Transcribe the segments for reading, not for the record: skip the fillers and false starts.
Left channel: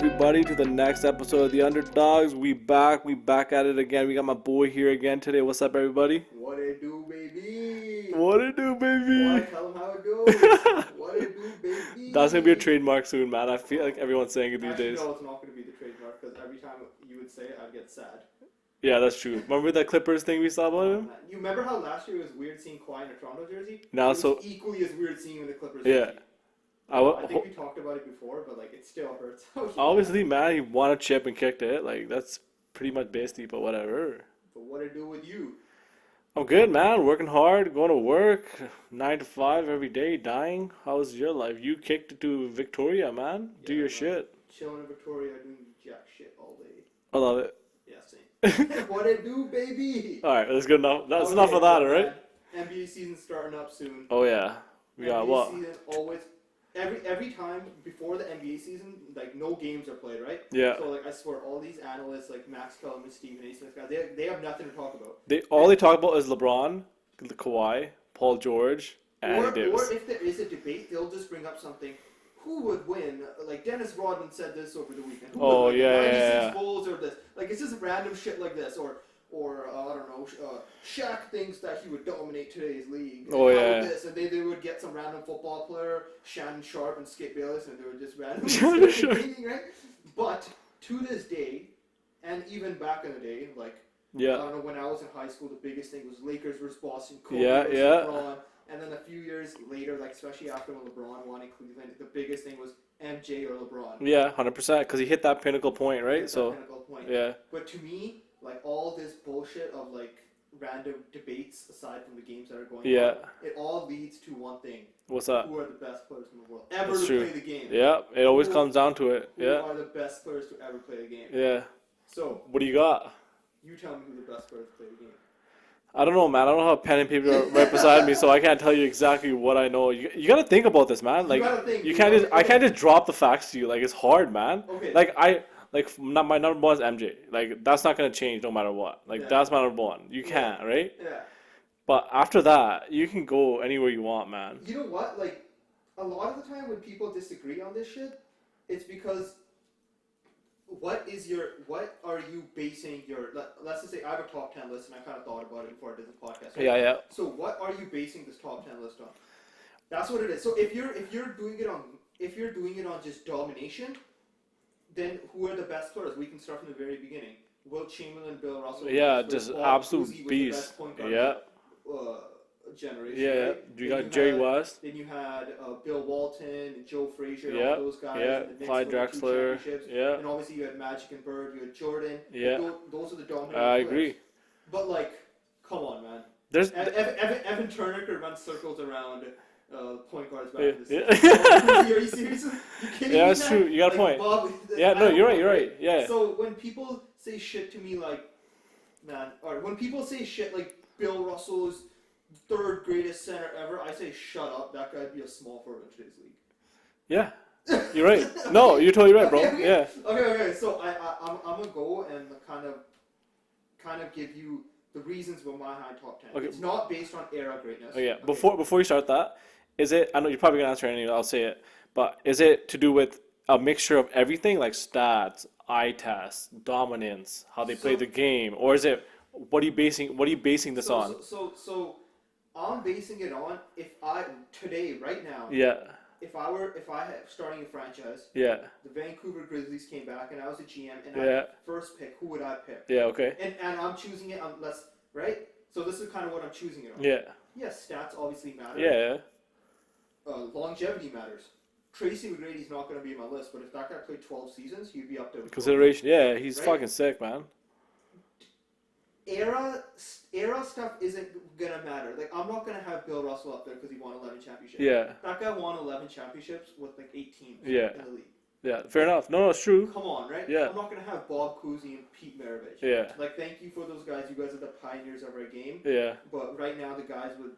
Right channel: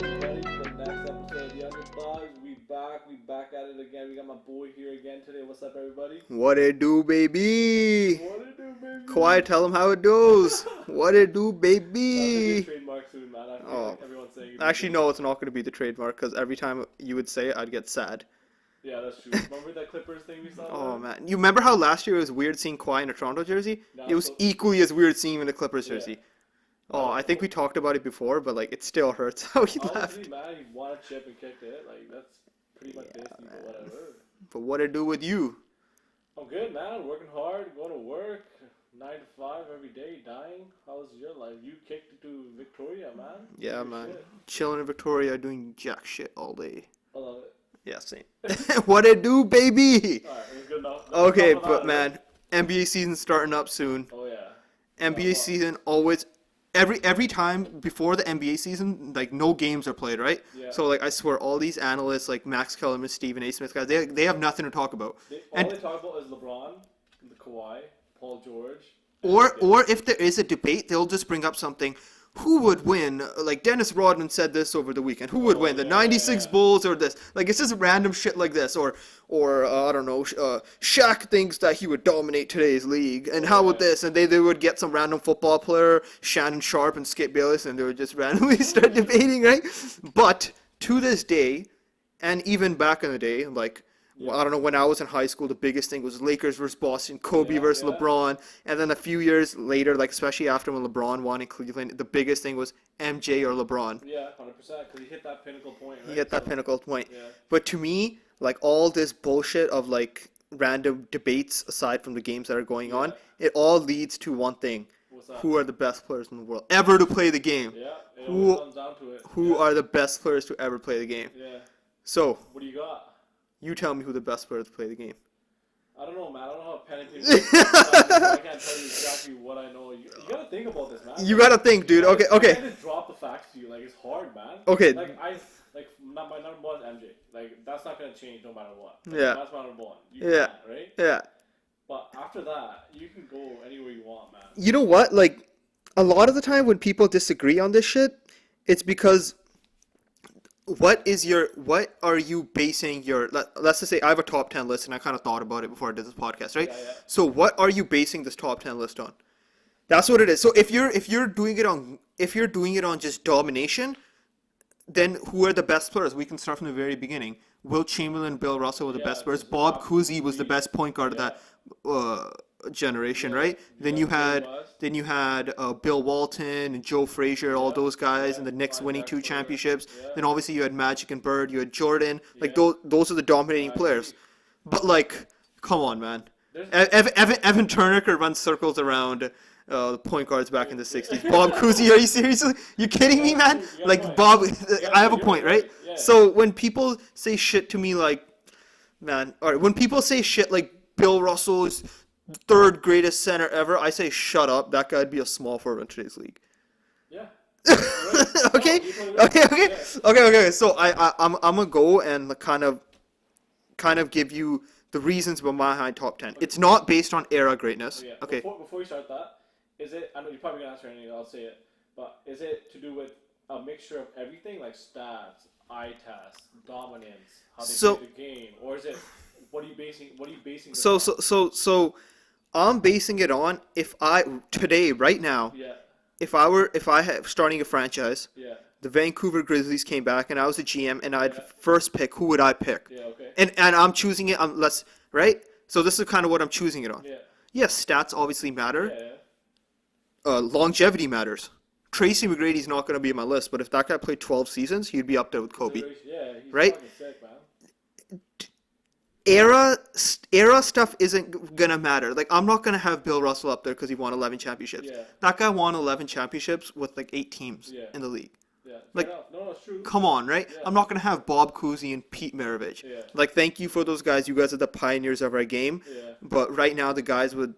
everybody to the next episode of the Underdogs. We back at it again. We got my boy here again today. What's up, everybody? What it do, baby? What it do, baby? Quiet, tell them how it goes. What it do, baby? That's gonna be a trademark soon, man. I feel like everyone's saying it these Actually, days. no, it's not gonna be the trademark because every time you would say it, I'd get sad. Yeah, that's true. Remember that Clippers thing we saw about Oh him? man, you remember how last year it was weird seeing Kawhi in a Toronto jersey? Now it was equally as weird seeing him in a Clippers jersey. I think we talked about it before, but like it still hurts. Obviously, man, he won a chip and kicked it. Like that's pretty much basically, but whatever. But what it do with you? I'm good, man. Working hard, going to work, 9 to 5 every day, dying. How's your life? You kicked it to Victoria, man. Yeah, do your man. shit. Chilling in Victoria, doing jack shit all day. I love it. Yeah, same. What it do, baby? All right, that's good enough. That's Okay, enough of that, but right? man, NBA season starting up soon. Oh yeah. NBA season always every time before the NBA season, like no games are played, right? Yeah. So like I swear, all these analysts like Max Kellerman, Stephen A. Smith guys, they have nothing to talk about. They talk about is LeBron, Kawhi, Paul George, and Or Davis. if there is a debate, they'll just bring up something. Who would win? Like Dennis Rodman said this over the weekend. Who would win? The '96 Bulls or this? Like it's just random shit like this. Or I don't know. Shaq thinks that he would dominate today's league, and would this? And they would get some random football player, Shannon Sharp and Skip Bayless, and they would just randomly start debating, right? But to this day, and even back in the day, like. Yeah. I don't know, when I was in high school, the biggest thing was Lakers versus Boston, Kobe versus LeBron. And then a few years later, like especially after when LeBron won in Cleveland, the biggest thing was MJ or LeBron. Yeah, 100%, because he hit that pinnacle point, right? He hit that pinnacle point. Yeah. But to me, like all this bullshit of like random debates aside from the games that are going on, it all leads to one thing. What's that? Who are the best players in the world ever to play the game? Yeah, it always comes down to it. Who are the best players to ever play the game? Yeah. So, what do you got? You tell me who the best player to play the game. I don't know, man. I don't have a pen and paper right beside me, so I can't tell you exactly what I know. You got to think about this, man. You got to think, dude. Okay. I can't just drop the facts to you. Like, it's hard, man. Okay. Like, my number one is MJ. Like, that's not going to change no matter what. Like, that's my number one. You can't, right? Yeah. But after that, you can go anywhere you want, man. You know what? Like, a lot of the time when people disagree on this shit, it's because... What are you basing your, let's just say I have a top 10 list and I kind of thought about it before I did this podcast, right? Yeah. So what are you basing this top 10 list on? That's what it is. So if you're doing it on just domination, then who are the best players? We can start from the very beginning. Will Chamberlain, Bill Russell were the best players. Bob Cousy was the best point guard of that generation, right? Then you had Bill Walton and Joe Frazier, all those guys, and the Knicks winning 2 championships. Then obviously you had Magic and Bird, you had Jordan. Like those are the dominating players. Agree. But like, come on, man. Evan Turner could run circles around point guards back in the 60s. Bob Cousy, are you serious? You kidding me, man? True. You got like a point. Bob, I have a point, right? Yeah. So when people say shit to me like, man, all right, when people say shit like Bill Russell is 3rd greatest center ever, I say shut up. That guy'd be a small forward in today's league. Yeah, you're right. No, you're totally right, bro. Okay. So I'm gonna go and kind of give you the reasons behind top 10. Okay. It's not based on era greatness. Okay. Before you start that, is it? I know you're probably gonna answer anyway. I'll say it, but is it to do with a mixture of everything, like stats, eye tests, dominance, how they play the game, or is it? What are you basing this on? So I'm basing it on right now. Yeah. If I had starting a franchise. Yeah. The Vancouver Grizzlies came back and I was the GM and I'd first pick, who would I pick? Yeah, okay. And I'm choosing it right? So this is kind of what I'm choosing it on. Yeah. Yes, stats obviously matter. Yeah. Longevity matters. Tracy McGrady's not going to be on my list, but if that guy played 12 seasons, he'd be up there with Kobe. Consideration. Yeah, he's fucking sick, man. Era stuff isn't gonna matter. Like I'm not gonna have Bill Russell up there because he won 11 championships. Yeah. That guy won 11 championships with like 8 teams in the league. Yeah, fair enough. No, it's true. Come on, right? Yeah. I'm not gonna have Bob Cousy and Pete Maravich. Yeah. Like thank you for those guys. You guys are the pioneers of our game. Yeah. But right now the guys would,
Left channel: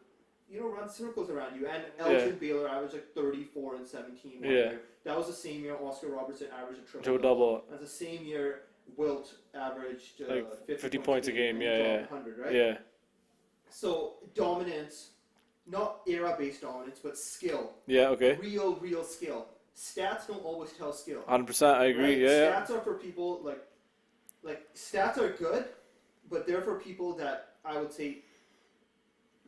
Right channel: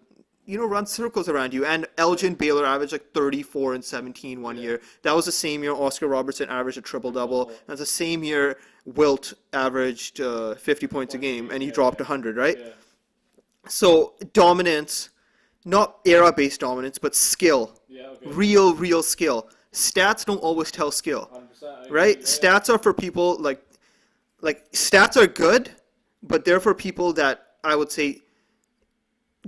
run circles around you. And Elgin Baylor averaged like 34 and 17 one year. That was the same year Oscar Robertson averaged a triple-double. That's the same year Wilt averaged 50 points a game, and he dropped 100, right? Yeah. So dominance, not era-based dominance, but skill. Yeah, okay. Real skill. stats don't always tell skill. 100%. I agree. Right? Yeah. Stats are for people like stats are good, but they're for people that I would say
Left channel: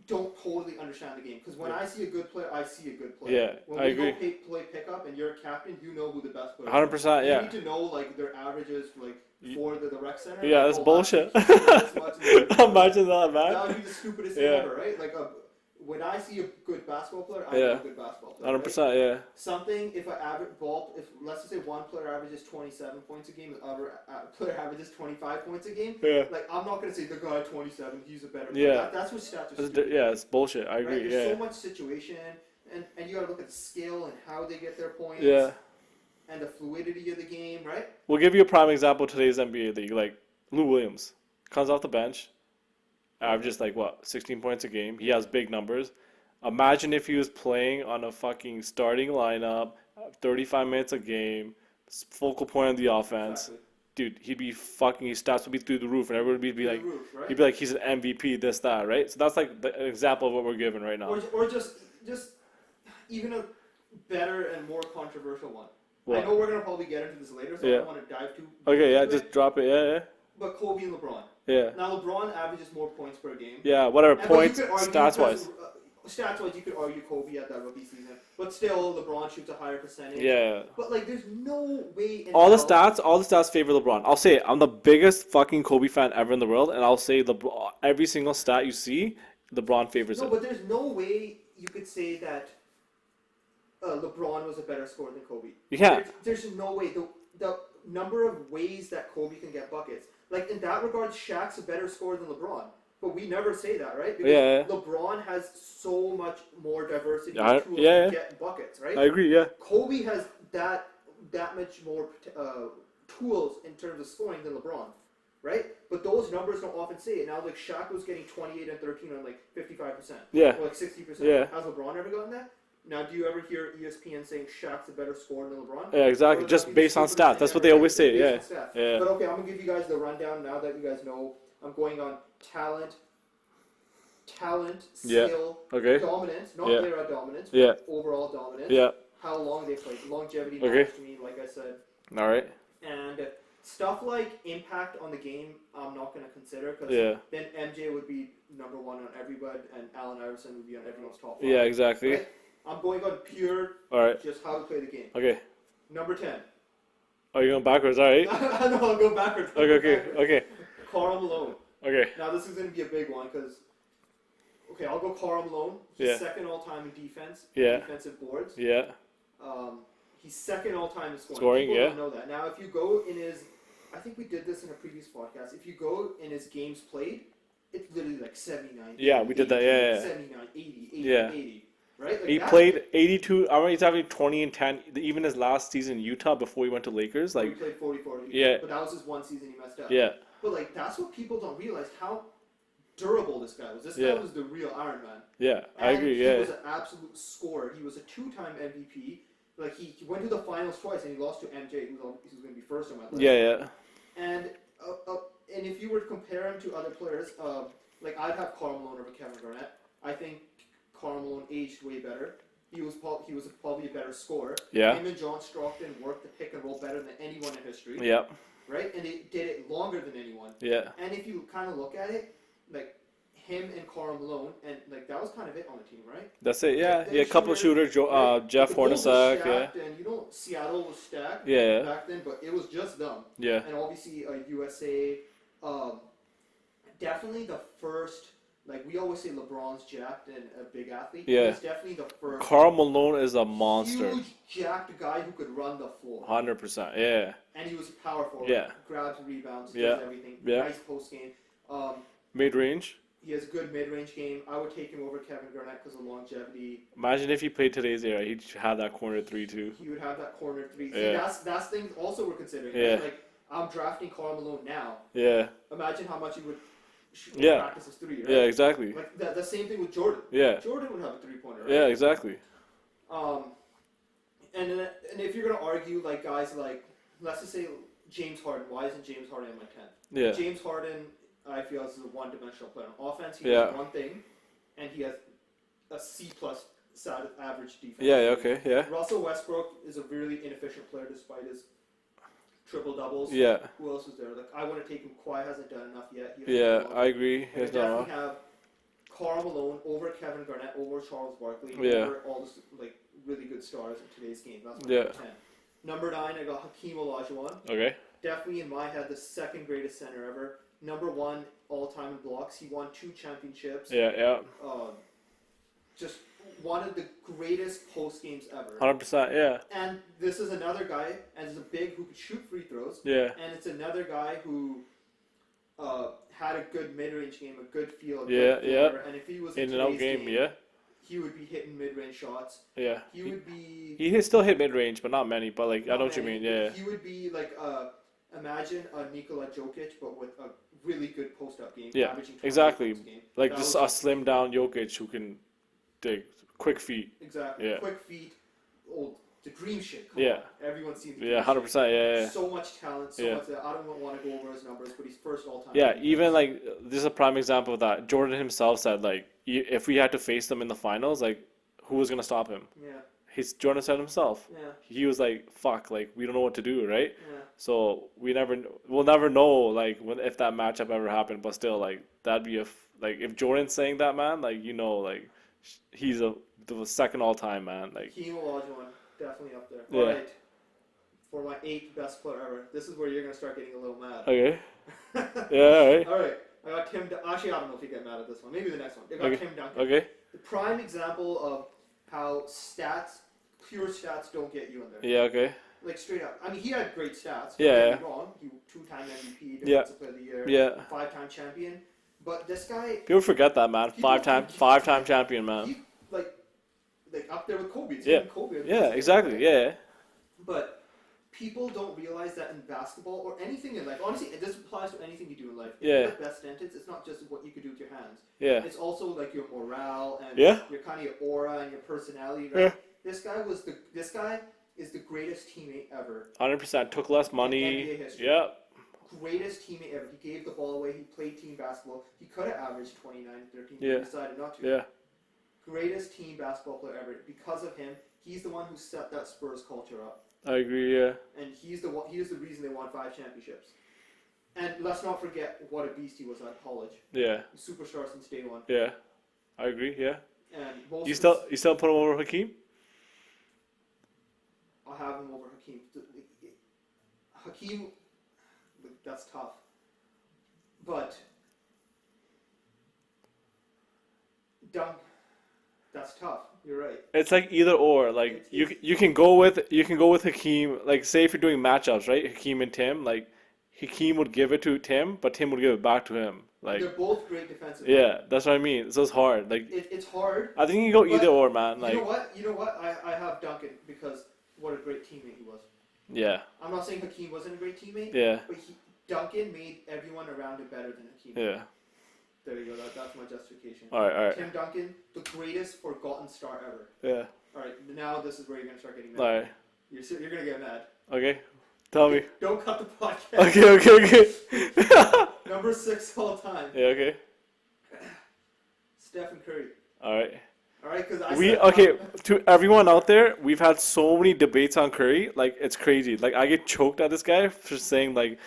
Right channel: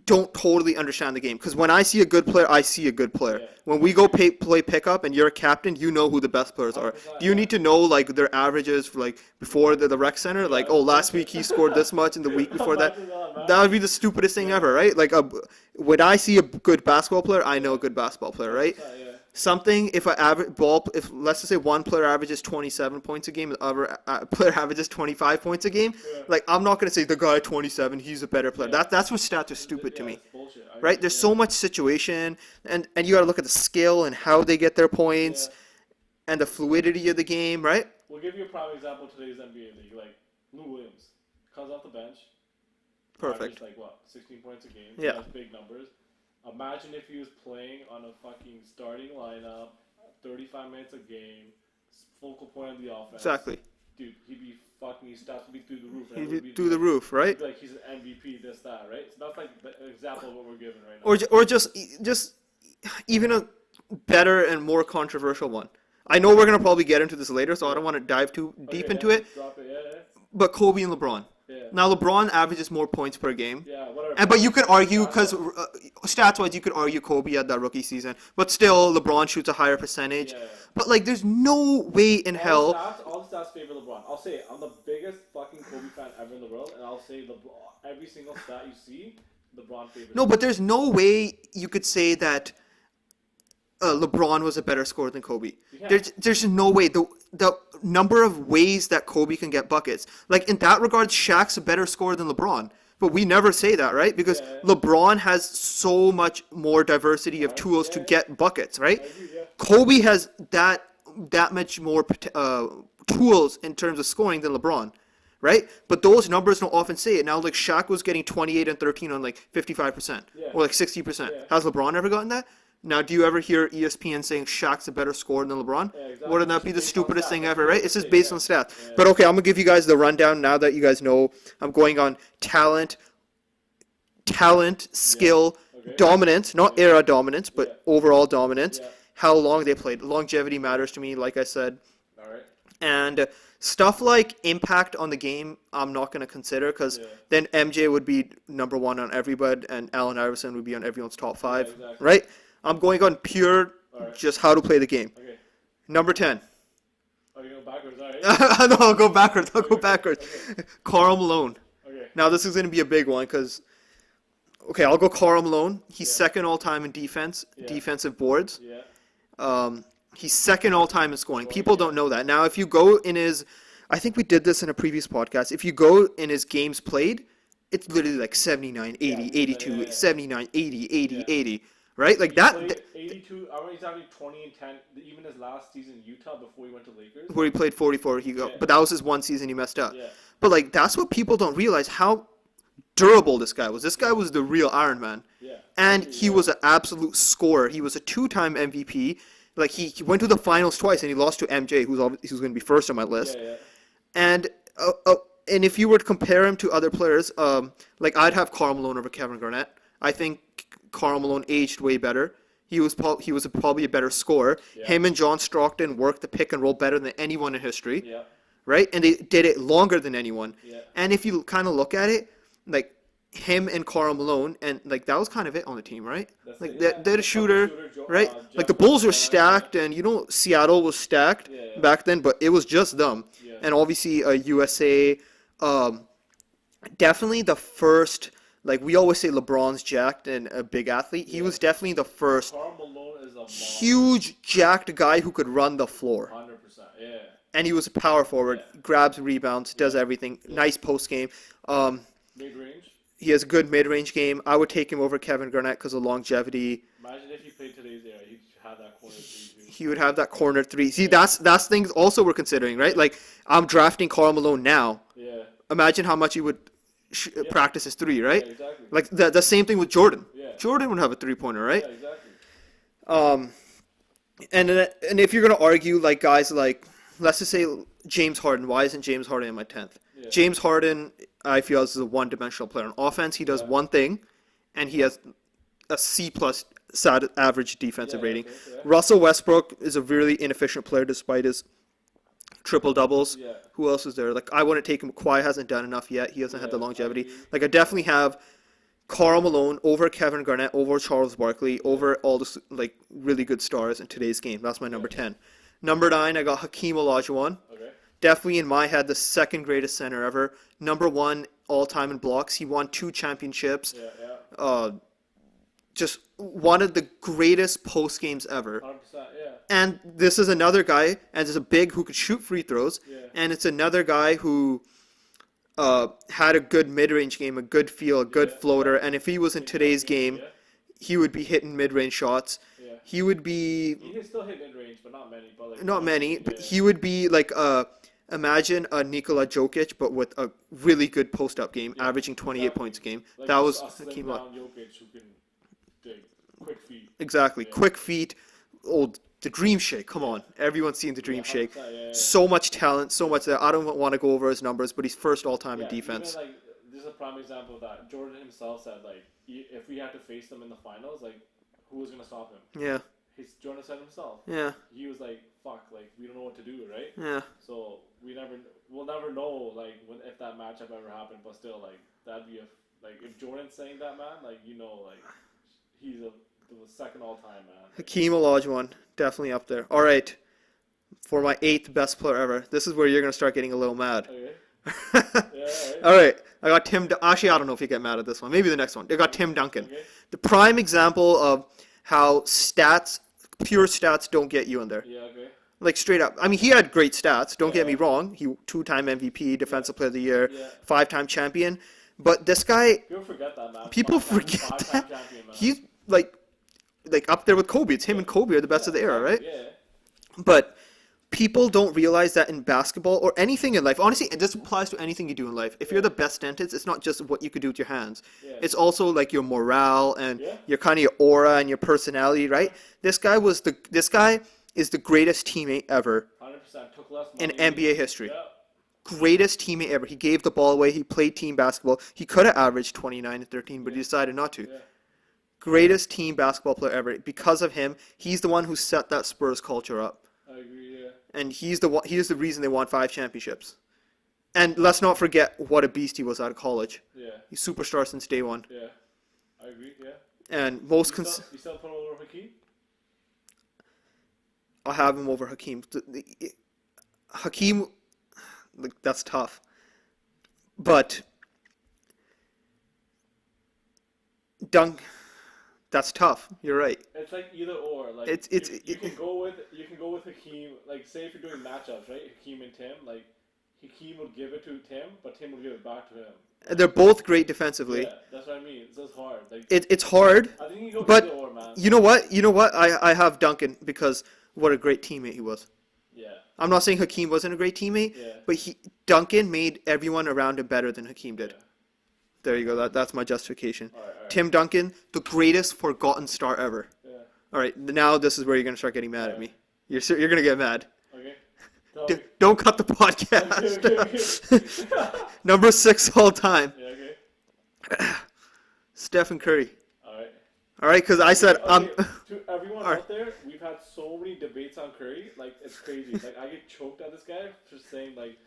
don't totally understand the game. Because when I see a good player, I see a good player. Yeah, when I we go agree. play pickup and you're a captain, you know who the best players 100%, are. You yeah. need to know like their averages for, like before the rec center. Yeah, Like, that's oh, last bullshit. week he scored this much, and the week before Imagine that, man. that would be the stupidest thing Yeah. ever, right? Like when I see a good basketball player, I know Yeah. a good basketball player, 100%, right? yeah. Something if if let's just say one player averages 27 points a game, the other player averages 25 points a game, Yeah. like I'm not gonna say the guy at 27 he's a better player. Yeah. That's what stats are stupid to Yeah, me, it's bullshit. I agree. right? There's yeah. so much situation, and you gotta look at the skill and how they get their points, Yeah. and the fluidity of the game, right? We'll give you a prime example of today's NBA league. Like, Lou Williams comes off the bench, averages like what, 16 points a game. He Yeah. has big numbers. Imagine if he was playing on a fucking starting lineup, 35 minutes a game, focal point of the offense. Exactly. Dude, he'd be fucking, his stats would be through the roof, and everyone would be Through like, the roof, right? he'd be like, he's an MVP, this, that, right? So that's like the example of what we're given right now. Or just even a better and more controversial one. I know we're gonna probably get into this later, so I Yeah. don't want to dive too deep Okay, yeah, into just it. drop it, yeah. But Kobe and LeBron. Yeah. Now LeBron averages more points per game. Yeah, whatever. But you points, could argue because stats-wise. stats-wise, you could argue Kobe had that rookie season, but still LeBron shoots a higher percentage. Yeah. But like, there's no way in All hell. all the stats favor LeBron. I'll say it. I'm the biggest fucking Kobe fan ever in the world, and I'll say every single stat you see, LeBron favors. No, him. but there's no way you could say that LeBron was a better scorer than Kobe. Yeah. There's no way. The number of ways that Kobe can get buckets. Like, in that regard, Shaq's a better scorer than LeBron. But we never say that, right? Because Yeah. LeBron has so much more diversity of tools to get buckets, right? I agree. Yeah. Kobe has that much more tools in terms of scoring than LeBron, right? But those numbers don't often say it. Now, like, Shaq was getting 28 and 13 on like 55%, Yeah. or like 60%. Yeah. Has LeBron ever gotten that? Now, do you ever hear ESPN saying Shaq's a better scorer than LeBron? Yeah, exactly. Wouldn't that Just be the based on stupidest stats. thing That's ever, what they right? always It's just say, based yeah. on stats. Yeah. But okay, I'm gonna give you guys the rundown now that you guys know. I'm going on talent, skill, Okay. dominance, not Yeah. era dominance, but Yeah. overall dominance. Yeah. How long they played. Longevity matters to me, like I said. All right. And stuff like impact on the game, I'm not going to consider because Yeah. then MJ would be number one on everybody, and Allen Iverson would be on everyone's top five. Yeah, exactly. Right? I'm going on pure, All right. just how to play the game. Okay. Number 10. Oh, you're going backwards. All right. No, I'll go backwards. I'll go Okay, backwards. Okay. Karl Malone. Okay. Now, this is going to be a big one because, okay, I'll go Karl Malone. He's Yeah. second all time in defense, Yeah. defensive boards. Yeah. He's second all time in scoring. Scoring, People yeah. don't know that. Now, if you go in his, I think we did this in a previous podcast. If you go in his games played, it's literally like 79, 80, Yeah, we did 82, that, yeah, yeah. 79, 80, 80, Yeah. 80. Right? Like He that. played 82. I remember he's having 20 and 10. Even his last season in Utah before he went to Lakers. Where he Like, played 44, Yeah. but that was his one season he messed up. yeah. But like that's what people don't realize how durable this guy was. This guy Yeah. was the real Iron Man. Yeah. I And agree, he yeah. was an absolute scorer. He was a two-time MVP. Like he went to the finals twice and he lost to MJ, who's going to be first on my list. Yeah. Yeah. And if you were to compare him to other players, like I'd have Karl Malone over Kevin Garnett. I think Karl Malone aged way better. He was probably a better scorer. Yeah. Him and John Stockton worked the pick and roll better than anyone in history. Yeah. Right? And they did it longer than anyone. Yeah. And if you kind of look at it, like him and Karl Malone, and like that was kind of it on the team, right? That's it. Yeah. They're yeah, a shooter, right? like the Bulls were stacked, and Seattle was stacked Yeah. back then, but it was just them. Yeah. And obviously, USA, definitely the first. Like we always say, LeBron's jacked and a big athlete. He Yeah. was definitely the first Karl Malone is a monster. huge jacked guy who could run the floor, 100%. Yeah. and he was a power forward. Yeah. Grabs rebounds, does Yeah. everything. Yeah. Nice post game. Mid range. He has a good mid-range game. I would take him over Kevin Garnett because of longevity. Imagine if he played today's era, he'd have that corner three too. He would have that corner three. See, Yeah. that's things also we're considering, right? Yeah. Like I'm drafting Karl Malone now. Yeah. Imagine how much he would Yeah. practice his three, right? Yeah. Exactly. Like the same thing with Jordan. Yeah. Jordan would have a three-pointer, right? Yeah. Exactly. And if you're gonna argue like guys like, let's just say James Harden, why isn't James Harden in my 10th? Yeah. James Harden, I feel, is a one-dimensional player. On offense, he does Yeah. one thing, and he has a C plus average defensive Yeah, rating. okay, yeah. Russell Westbrook is a really inefficient player despite his triple doubles. Yeah. Who else is there? Like I wouldn't take him. Kawhi hasn't done enough yet. He hasn't had the Yeah, I longevity. agree. Like I With definitely Mama. have Karl Malone over Kevin Garnett, over Charles Barkley, Yeah. over all the like really good stars in today's game. That's my Yeah. number 10. Number 9, I got Hakeem Olajuwon. Okay. Definitely in my head, the second greatest center ever. Number 1 all time in blocks. He won 2 championships. Yeah, yeah. Just one of the greatest post games ever. 100%, yeah. And this is another guy, and it's a big who could shoot free throws. Yeah. And it's another guy who had a good mid-range game, a good feel, a good Yeah, floater. yeah. And if he was in In your today's own game, yeah. he would be hitting mid-range shots. Yeah. He would be He still hit mid range, but not many. But like I know not what you many, mean, but yeah. he would be like imagine a Nikola Jokic, but with a really good post-up game, Yeah, averaging 28 exactly. points a game. Like that was a slim Hakeem down Jokic who can dig quick feet. Exactly. Yeah. Quick feet. Oh, the dream shake. Come Yeah. on. Everyone's seen the dream Yeah, 100%. shake. Yeah, yeah. So much talent, so Yeah. much there. I don't want to go over his numbers, but he's first all time Yeah, in defense. even like this is a prime example of that. Jordan himself said like, if we had to face them in the finals, like, who was gonna stop him? Yeah. Jordan said himself. Yeah. He was like, "Fuck, like we don't know what to do, right?" Yeah. So we'll never know like if that matchup ever happened. But still, like that'd be like if Jordan's saying that, man, like like he's the second all time, man. Like, Hakeem Olajuwon, definitely up there. All Yeah. right. For my 8th best player ever. This is where you're going to start getting a little mad. okay, yeah, all right. All right. I got Actually, I don't know if you get mad at this one. Maybe the next one. I got Okay. Tim Duncan. Okay. The prime example of how pure stats don't get you in there. Yeah, okay. Like straight up. I mean, he had great stats. Don't get me Yeah. wrong. He 2-time MVP, Defensive Player of the Year, Yeah. 5-time champion. But this guy, People forget that, man. People forget Five-time that. champion, man. he's like up there with Kobe. It's him Yeah. and Kobe are the best Yeah, of the exactly. era, right? Yeah. But people don't realize that in basketball or anything in life. Honestly, this applies to anything you do in life. If Yeah. you're the best dentist, it's not just what you could do with your hands. Yeah. It's also like your morale and Yeah. your kind of your aura and your personality, right? Yeah. This guy is the greatest teammate ever. 100% took less money. NBA history. Yeah. Greatest teammate ever. He gave the ball away. He played team basketball. He could have averaged 29 and 13, but Yeah. he decided not to. Yeah. Greatest team basketball player ever. Because of him, he's the one who set that Spurs culture up. I agree. Yeah. And he's the reason they won 5 championships. And let's not forget what a beast he was out of college. Yeah. He's superstar since day one. Yeah. I agree. Yeah. And most You still put him over Hakeem? I'll have him over Hakeem. Hakeem, like, that's tough. But that's tough. You're right. It's like either or. Like you can go with Hakeem. Like say if you're doing matchups, right? Hakeem and Tim. Like Hakeem would give it to Tim, but Tim would give it back to him. Like, They're both great defensively. yeah, that's what I mean. So it's hard. Like It's hard. I think you can go but either or, man. You know what? You know what? I have Duncan because what a great teammate he was. Yeah. I'm not saying Hakeem wasn't a great teammate. Yeah. But Duncan made everyone around him better than Hakeem did. Yeah. There you go. That's my justification. All right. Tim Duncan, the greatest forgotten star ever. Yeah. All right, now this is where you're gonna start getting mad at me. Alright. You're gonna get mad. Okay. Tell me. Don't cut the podcast. Okay. Number 6 all time, Yeah. Okay. Stephen Curry. All right. All right, because I said To everyone out there, we've had so many debates on Curry. Like it's crazy. Like I get choked at this guy for saying like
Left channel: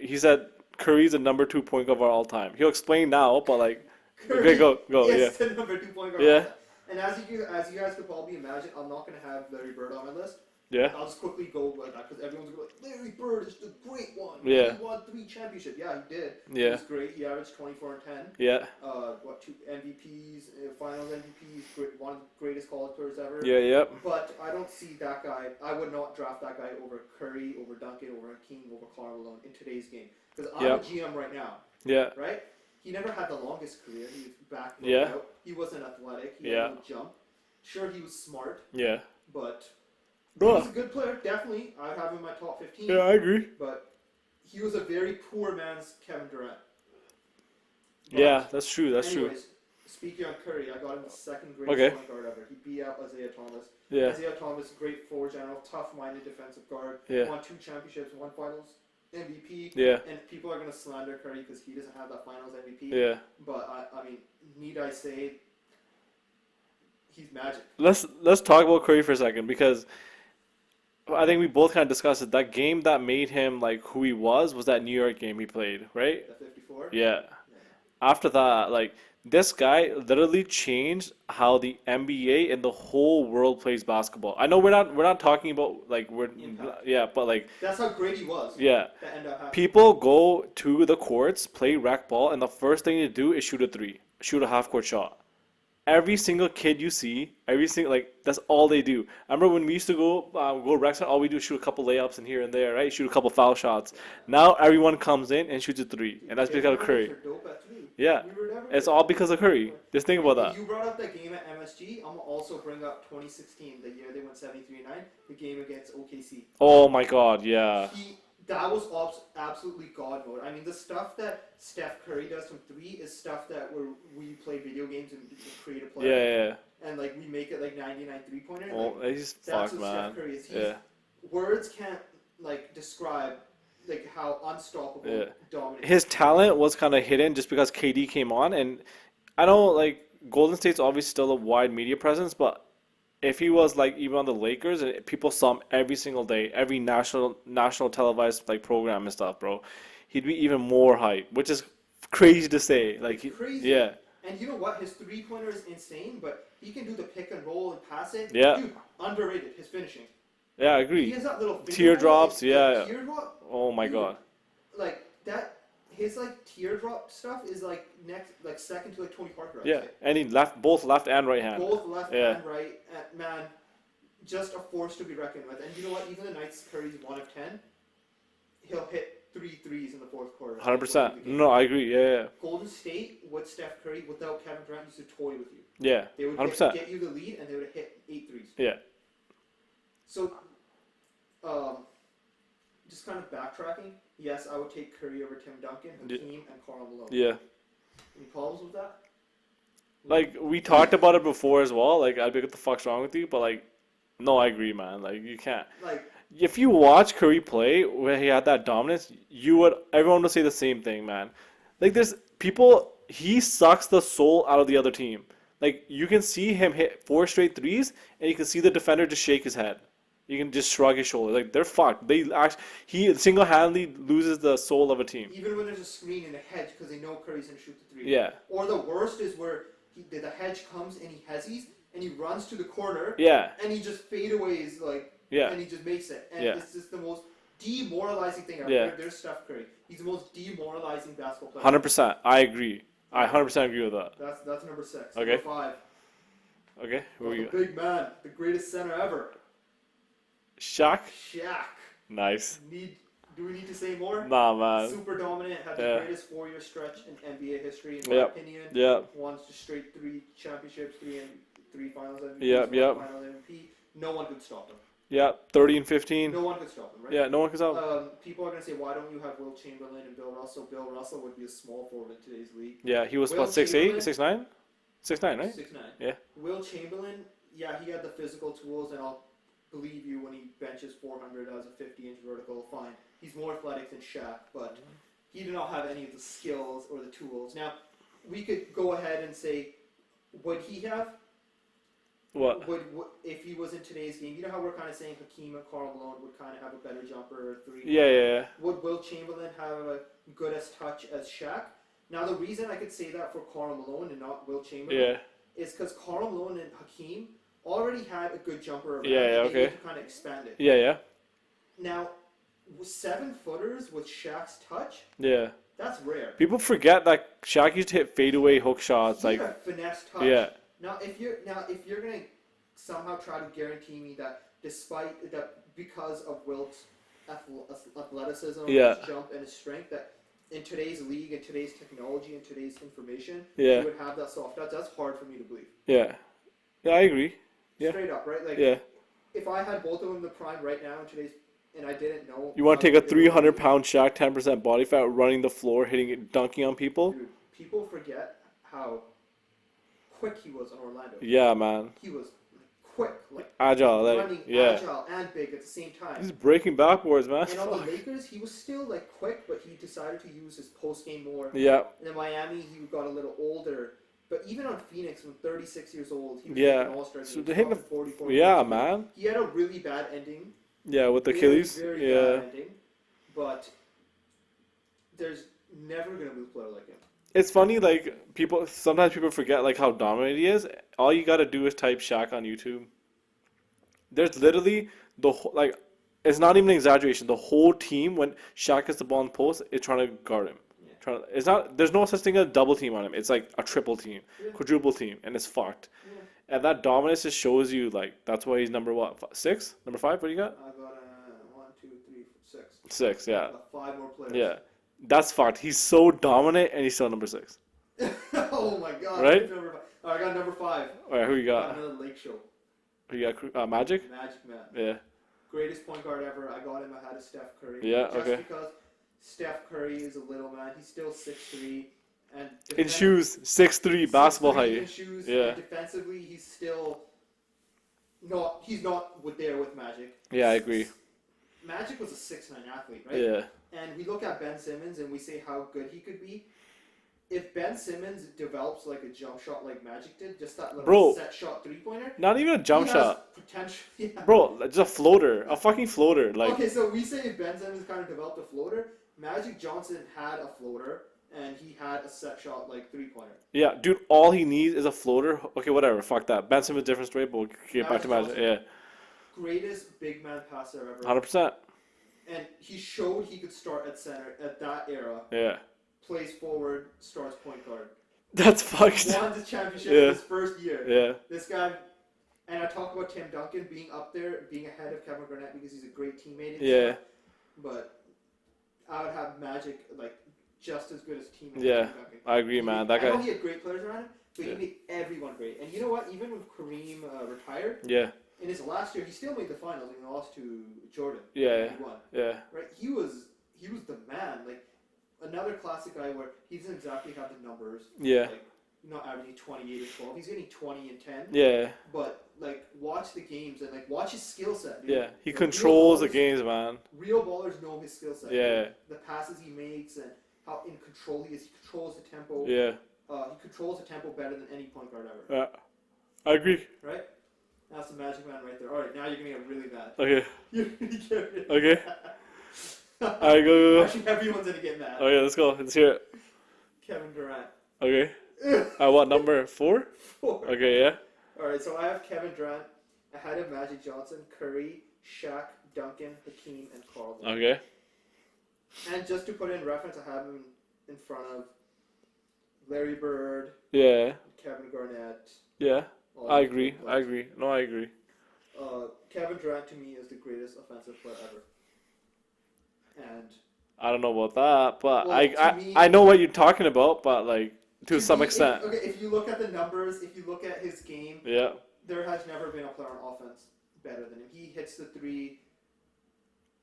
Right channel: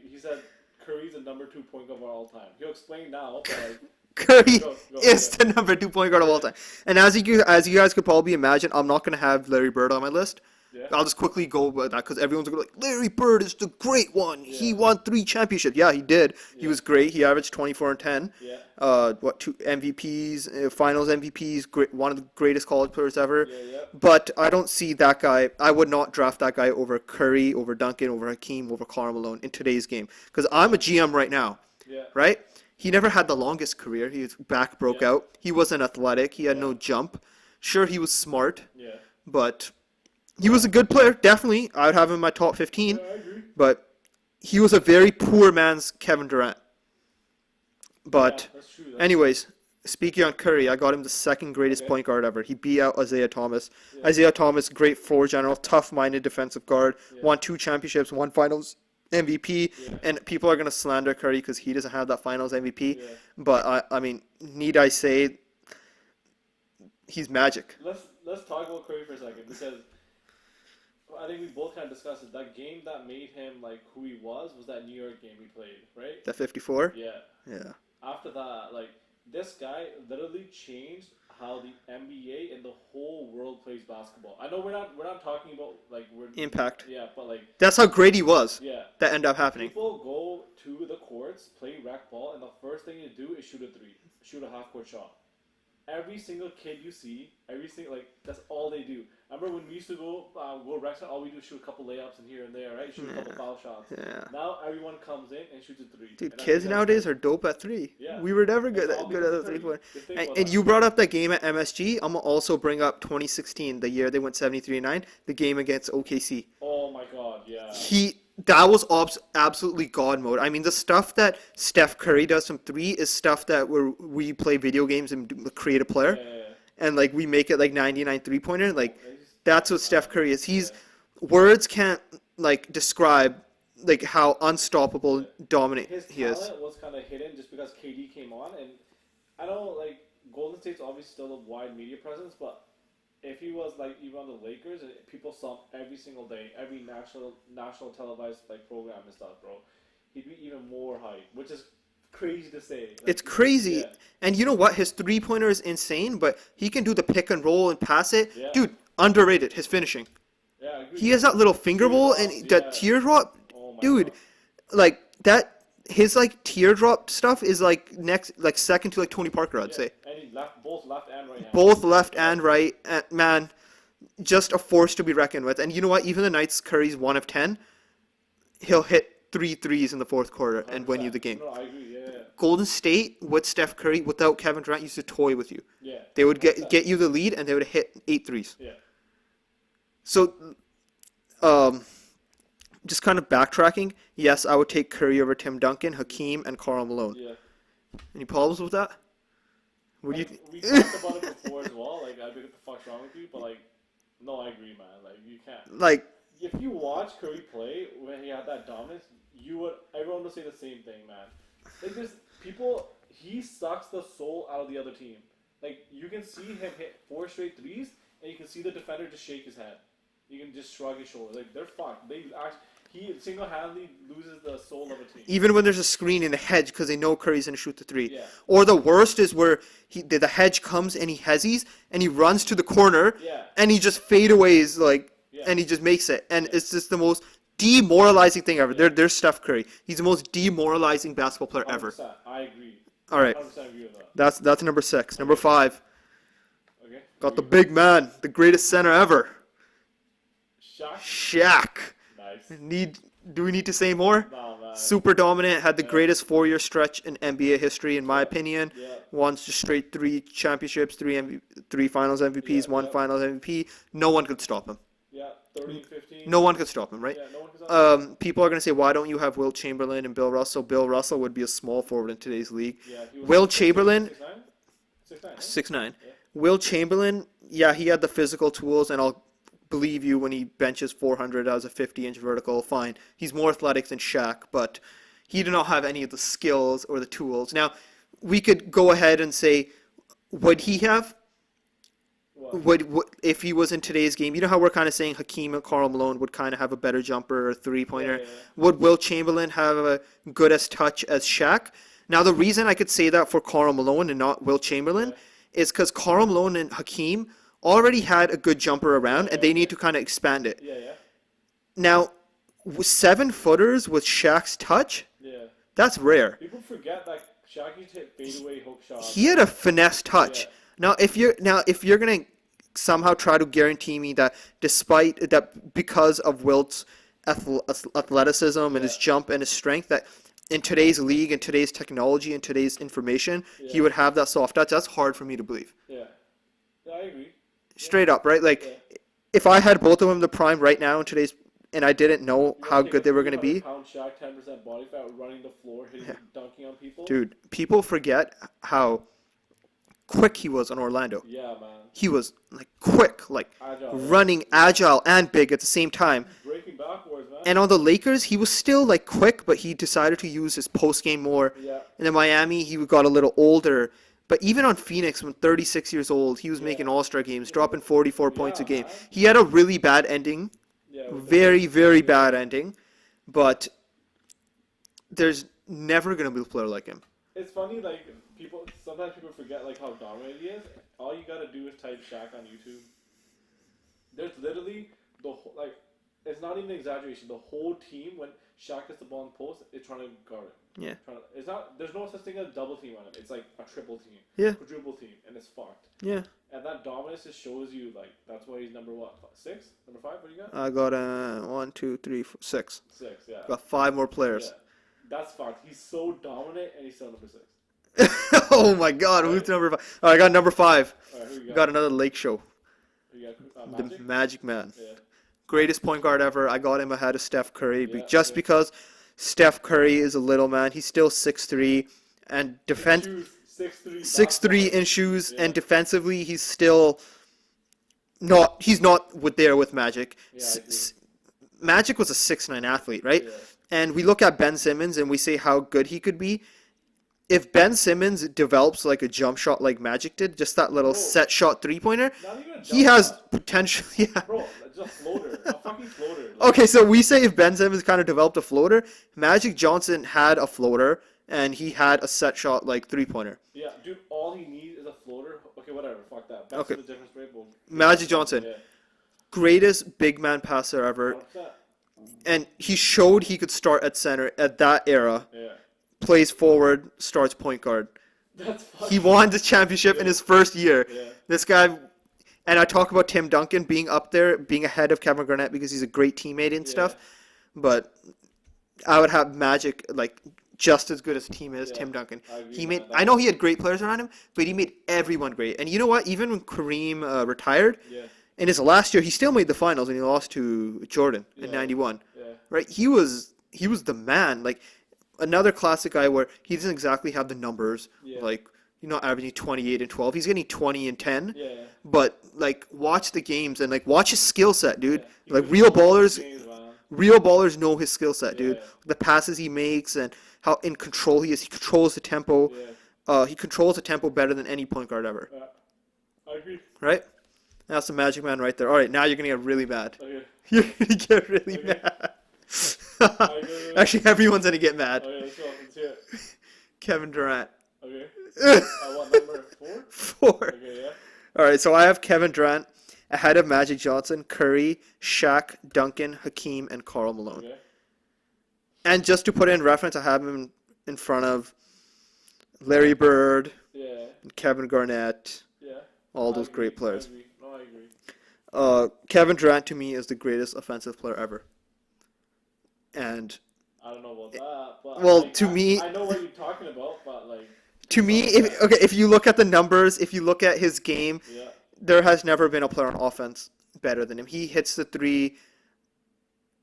he said Curry's the number 2 point guard of all time. He'll explain now, but like Curry okay, go, is yeah. the number 2 point guard of Yeah. all time. And as you guys could probably imagine, I'm not gonna have Larry Bird on my list. Yeah. I'll just quickly go with that because everyone's gonna be like, Larry Bird is the great one. Yeah. He won 3 championships. Yeah, he did. He Yeah. was great. He averaged 24 and 10. Yeah. 2 MVPs, Finals MVPs. One of the greatest college players ever. Yeah. Yeah. But I don't see that guy. I would not draft that guy over Curry, over Duncan, over Hakeem, over Karl Malone in today's game. Because I'm Yeah. a GM right now, Yeah. right? He never had the longest career. His back broke Yeah. out. He wasn't athletic. He had Yeah. no jump. Sure, he was smart, Yeah. but he was a good player. Definitely, I would have him in my top 15. Yeah, I agree. But he was a very poor man's Kevin Durant. But yeah, that's true. That's anyways, speaking on Curry, I got him the second greatest Okay. point guard ever. He beat out Isaiah Thomas. Yeah. Isaiah Thomas, great floor general, tough-minded defensive guard, Yeah. won 2 championships, 1 Finals MVP. Yeah. And people are gonna slander Curry because he doesn't have that Finals MVP. Yeah. But I mean, need I say, he's magic. Let's talk about Curry for a second because I think we both kind of discussed it. That game that made him like who he was that New York game he played, right? That 54. Yeah. Yeah. After that, like this guy literally changed how the NBA and the whole world plays basketball. I know we're not talking about like we're Impact. Yeah, but like That's how great he was. yeah. That ended up happening. People go to the courts, play rec ball, and the first thing to do is shoot a three, shoot a half court shot. Every single kid you see, every single like that's all they do. I remember when we used to go rec, all we do is shoot a couple layups and here and there, right? Shoot a couple foul shots. Yeah. Now everyone comes in and shoots a three, Dude, and that's kids because of nowadays Curry. are dope at three. Yeah. We were never good. It's all because of Curry. Just think about And that. you brought up that game at MSG. I'm gonna also bring up 2016, the year they went 73-9, the game against OKC. Oh my God, yeah. That was absolutely God mode. I mean, the stuff that Steph Curry does from three is stuff that we play video games and create a player, Yeah. and like we make it like 99 3-pointer. Like that's what Steph Curry is. Words can't like describe like how unstoppable, dominant his talent was kind of hidden just because KD came on, and I know like Golden State's obviously still a wide media presence, but if he was like even on the Lakers and people saw him every single day, every national televised like program and stuff, bro, he'd be even more hype, which is crazy to say. Like, it's crazy. Yeah. And you know what? His 3-pointer is insane, but he can do the pick and roll and pass it. Yeah. Dude, underrated, his finishing. Yeah, I agree. He has that little finger roll and Teardrops, that teardrop. Oh my Dude, God. like that. His like teardrop stuff is like second to like Tony Parker, I'd say. And he both left and right hand. Both left and right. And, man, just a force to be reckoned with. And you know what? Even the nights Curry's 1 of 10, he'll hit 3 threes in the fourth quarter 100%. and win you the game. No, I agree. Yeah. Golden State with Steph Curry without Kevin Durant used to toy with you. Yeah. They would 100%. get you the lead and they would hit 8 threes. Yeah. So, just kind of backtracking. Yes, I would take Curry over Tim Duncan, Hakeem, and Karl Malone. Yeah. Any problems with that? Like we talked about it before as well. Like I'd be what the fuck's wrong with you, but like, no, I agree, man. Like you can't. Like If you watch Curry play where he had that dominance, everyone would say the same thing, man. Like there's people, he sucks the soul out of the other team. Like you can see him hit 4 straight threes, and you can see the defender just shake his head. You can just shrug his shoulders. Like they're fucked. He single-handedly loses the soul of a team. even when there's a screen in the hedge because they know Curry's gonna shoot the 3. Yeah. Or the worst is where the hedge comes and he hezzies and he runs to the corner. Yeah. And he just fadeaways like. Yeah. And he just makes it, and Yeah. it's just the most demoralizing thing ever. Yeah. There's Steph Curry. He's the most demoralizing basketball player. 100%. I agree. All I right. 100% agree with that. That's number 6. Number Okay. 5. Okay. Got the big man, the greatest center ever, Shaq. Shaq. Nice. Do we need to say more? Nah, man. Super dominant, had the Yeah. greatest 4-year stretch in NBA history, in my Yep. opinion. Yeah. Won just straight 3 championships, 3 Finals MVPs, Yep, 1 yep. Finals MVP. No one could stop him. Yeah. 30 and 15. No one could stop him, right? Yeah. No one can stop. People are gonna say, why don't you have Wilt Chamberlain and Bill Russell? Bill Russell would be a small forward in today's league. Yeah. He was. Will 6'8", Chamberlain- 6'9", 6'9", right? 6'9". Yeah. Will Chamberlain, yeah, he had the physical tools, and I'll believe you when he benches 400 as a 50-inch vertical. Fine, he's more athletic than Shaq, but he did not have any of the skills or the tools. Now, we could go ahead and say, would he have? What? Would if he was in today's game? You know how we're kind of saying Hakeem and Karl Malone would kind of have a better jumper or 3-pointer. Yeah. Would Will Chamberlain have a good as touch as Shaq? Now, the reason I could say that for Karl Malone and not Will Chamberlain Yeah. is because Karl Malone and Hakeem already had a good jumper around, Yeah, and they okay. need to kind of expand it. Yeah. Now, 7-footers with Shaq's touch, Yeah. that's rare. People forget that Shaq used to hit fadeaway hook shots. He had a finesse touch. Yeah. Now, if you're gonna somehow try to guarantee me that because of Wilt's athleticism and his Yeah. jump and his strength, that in today's league and today's technology and today's information, Yeah. he would have that soft touch. That's hard for me to believe. Yeah. Yeah, I agree. Yeah. Straight up, right? Like, Yeah. if I had both of them in the prime right now in today's, and I didn't know You how want to take good a they were going to be, 300-pound Shaq, 10% body fat, running the floor, dunking on people? dude, people forget how quick he was on Orlando. Yeah, man. He was like quick, like Agile. like, running, yeah. agile, and big at the same time. He's breaking backwards, man. And on the Lakers, he was still like quick, but he decided to use his post game more. Yeah. And in Miami, he got a little older, But even on Phoenix, when 36 years old, he was Yeah. making All-Star games, Him dropping and- 44 points Yeah, a game. man. He had a really bad ending, Yeah, with the very, case. very Yeah. bad ending. But there's never gonna be a player like him. It's funny, like sometimes people forget like how dominant he is. All you gotta do is type Shaq on YouTube. There's literally like, it's not even an exaggeration. The whole team, when Shaq gets the ball in the post, is trying to guard him. Yeah. It's not. There's no such thing as a double team on him. It's like a triple team, Yeah. quadruple team, and it's fucked. Yeah. And that dominance just shows you like that's why he's number what, 6, number 5. What do you got? I got 1, 2, 3, 4, 6. 6. Yeah. Got 5 more players. Yeah. That's fucked. He's so dominant, and he's still number 6. Oh my God! Right? Who's number 5? Oh, I got number 5. All right, who you got? Got another Lake Show. Who you got? Magic. Magic Man. Yeah. Greatest point guard ever. I got him ahead of Steph Curry. Yeah, just okay. because Steph Curry is a little man. He's still 6'3", and In shoes, 6'3", basketball 6'3" height. in shoes, Yeah. and defensively he's still not. He's not there with Magic. Yeah, I agree. Magic was a 6'9" athlete, right? Yeah. And we look at Ben Simmons and we say how good he could be. If Ben Simmons develops like a jump shot like Magic did, just that little Bro. set shot 3-pointer, Not even a jump he has shot. potential. Yeah. Bro, just a floater. A fucking floater. Like, Okay, so we say if Ben Simmons kind of developed a floater, Magic Johnson had a floater and he had a set shot like 3-pointer. Yeah, dude, all he needs is a floater. Okay, whatever. Fuck that. Ben Simmons, different story, but we'll get back Magic to Johnson. Yeah. Greatest big man passer ever. 100%. And he showed he could start at center at that era. Yeah. Plays forward, starts point guard. That's fucking. He won the championship in Yeah. his first year. Yeah. This guy, and I talk about Tim Duncan being up there, being ahead of Kevin Garnett because he's a great teammate and Yeah. stuff. But I would have Magic like just as good as team as Yeah, Tim Duncan. I agree, He man. made- That I know guy- he had great players around him, but he made everyone great. And you know what? Even when Kareem retired, Yeah. in his last year, he still made the finals and he lost to Jordan in Yeah. '91. Yeah. Right? He was the man. Like another classic guy where he doesn't exactly have the numbers. Yeah. Like averaging 28 and 12. He's getting 20 and 10. Yeah. But like watch the games and like watch his skill set, dude. Yeah. He Like real controls ballers, the games, man. real ballers know his skill set, Yeah. dude. The passes he makes and how in control he is. He controls the tempo. Yeah. He controls the tempo better than any point guard ever. I agree. Right? That's the Magic Man right there. All right, now you're gonna get really mad. Okay. You're gonna get really Okay. mad. Alright, go. Actually, everyone's gonna get mad. Okay, let's go. Let's hear it. Kevin Durant. Okay. What number? 4? 4. Okay, yeah. All right, so I have Kevin Durant ahead of Magic Johnson, Curry, Shaq, Duncan, Hakeem, and Karl Malone. Okay. And just to put it in reference, I have him in front of Larry Bird, Yeah. Kevin Garnett, Yeah. all I those agree. great players. I agree. No, I agree. Kevin Durant to me is the greatest offensive player ever. And I don't know about that, but Well, I, to I, me- I know what you're talking about, but like to some me, extent. if you look at the numbers, if you look at his game, Yeah. there has never been a player on offense better than him. He hits the three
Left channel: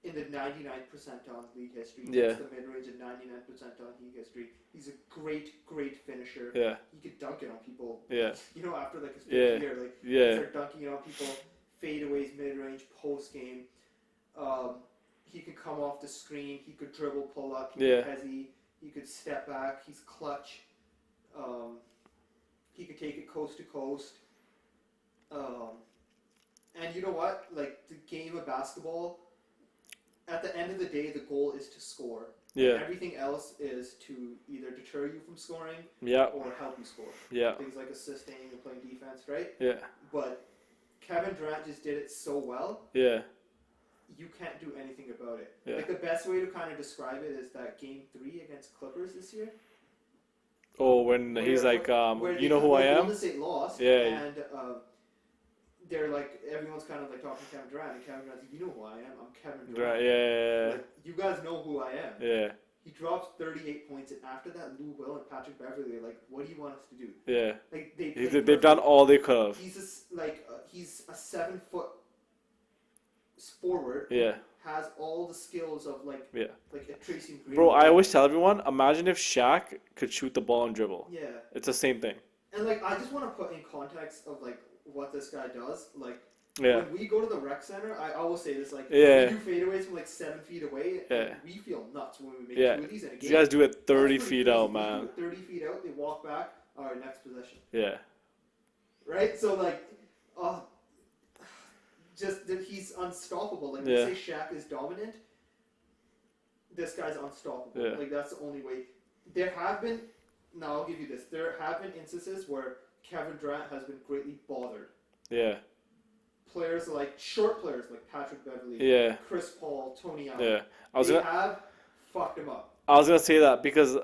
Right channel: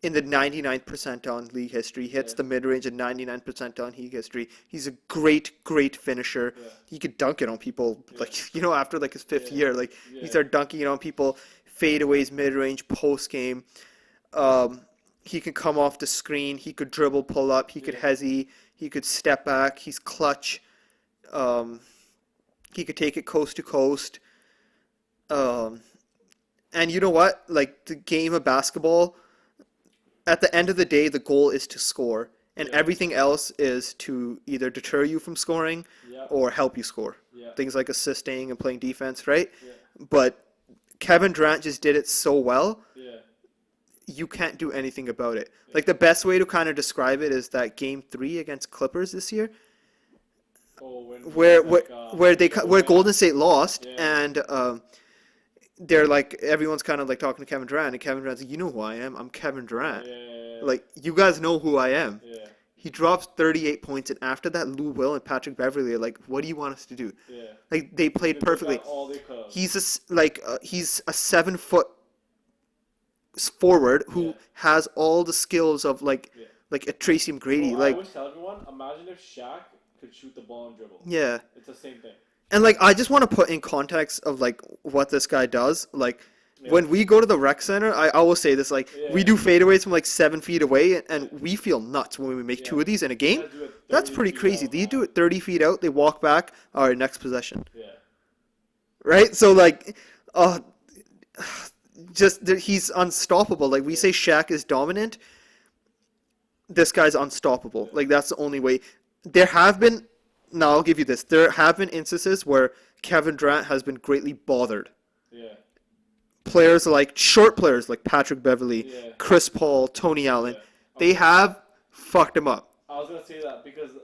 in the 99th percentile in league history. He hits Yeah. the mid-range in 99th percentile in league history. He's a great, great finisher. Yeah. He could dunk it on people. Yeah. Like, after like his 5th Yeah. year, like Yeah. he started dunking it on people, fadeaways, mid-range, post-game. He can come off the screen. He could dribble, pull up. He Yeah. could hezzy. He could step back. He's clutch. He could take it coast to coast. And you know what? Like the game of basketball, at the end of the day, the goal is to score. And Yeah. everything else is to either deter you from scoring Yeah. or help you score. Yeah. Things like assisting and playing defense, right? Yeah. But Kevin Durant just did it so well, Yeah. you can't do anything about it. Yeah. Like the best way to kind of describe it is that game 3 against Clippers this year, Oh, when where he's like, where you they know who where I Golden am? State lost, Yeah. and they're like everyone's kind of like talking to Kevin Durant, and Kevin Durant's like, you know who I am? I'm Kevin Yeah, Durant. yeah, Like you guys know who I am. yeah, He drops 38 points, and after that, Lou Will and Patrick Beverly are like, what do you want us to do? yeah. Like they played They've perfectly. done all they could have. He's he's a 7-foot forward who Yeah. has all the skills of like Yeah. a Tracy McGrady. Bro, I like, always tell everyone, imagine if Shaq could shoot the ball and dribble. yeah. It's the same thing. And like I just want to put in context of like what this guy does. Like Yeah. When we go to the rec center, I always say this, like, Yeah. we do fadeaways from like 7 feet away, and Yeah. we feel nuts when we make Yeah. two of these in a You game. guys do it 30 That's pretty feet crazy. out, They do man. it 30 feet out, they walk back, all right, next possession. Yeah. Right? So, like, he's unstoppable. Like, we Yeah. say Shaq is dominant. This guy's unstoppable. Yeah. Like, that's the only way. There have been, now I'll give you this, there have been instances where Kevin Durant has been greatly bothered. Yeah. Short players like Patrick Beverley, Yeah. Chris Paul, Tony Allen, Yeah. they have fucked him up. I was gonna say that because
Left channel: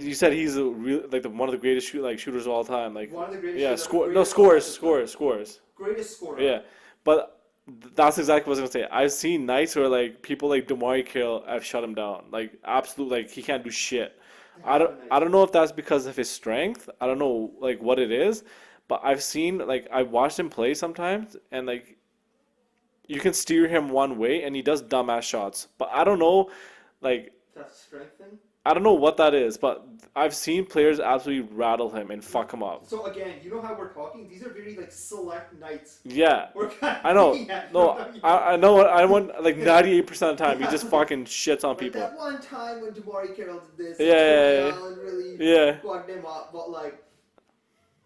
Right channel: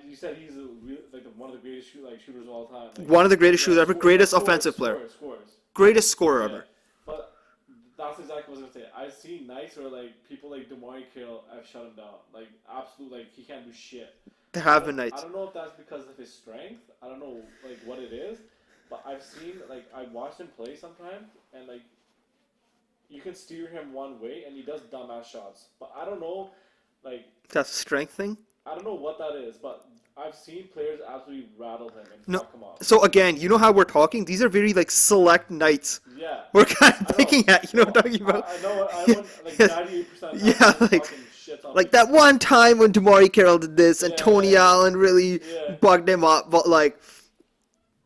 you said he's one of the greatest shooters of all time. Like One of the greatest shooters ever, greatest offensive player. Scores. Greatest scorer Yeah. ever. But that's exactly what I was gonna say. I've seen nights where like people like DeMar Carroll have shut him down. Like absolutely, like he can't do shit. There I have don't, been nights. I don't know if that's because of his strength. I don't know like what it is, but I've seen like I've watched him play sometimes, and like you can steer him one way, and he does dumbass shots. But I don't know, like That's a strength thing. I don't know what that is. But I've seen players absolutely rattle him and fuck him up. So again, you know how we're talking? These are very like select nights. Yeah, We're kind of I know. picking at, you know No, what I'm talking about? I know. I want like 98% of the time Yeah, he just like- fucking shits on Like people. that one time when DeMar Carroll did this and Yeah, Tony yeah. Allen really Yeah. bugged him up, but like,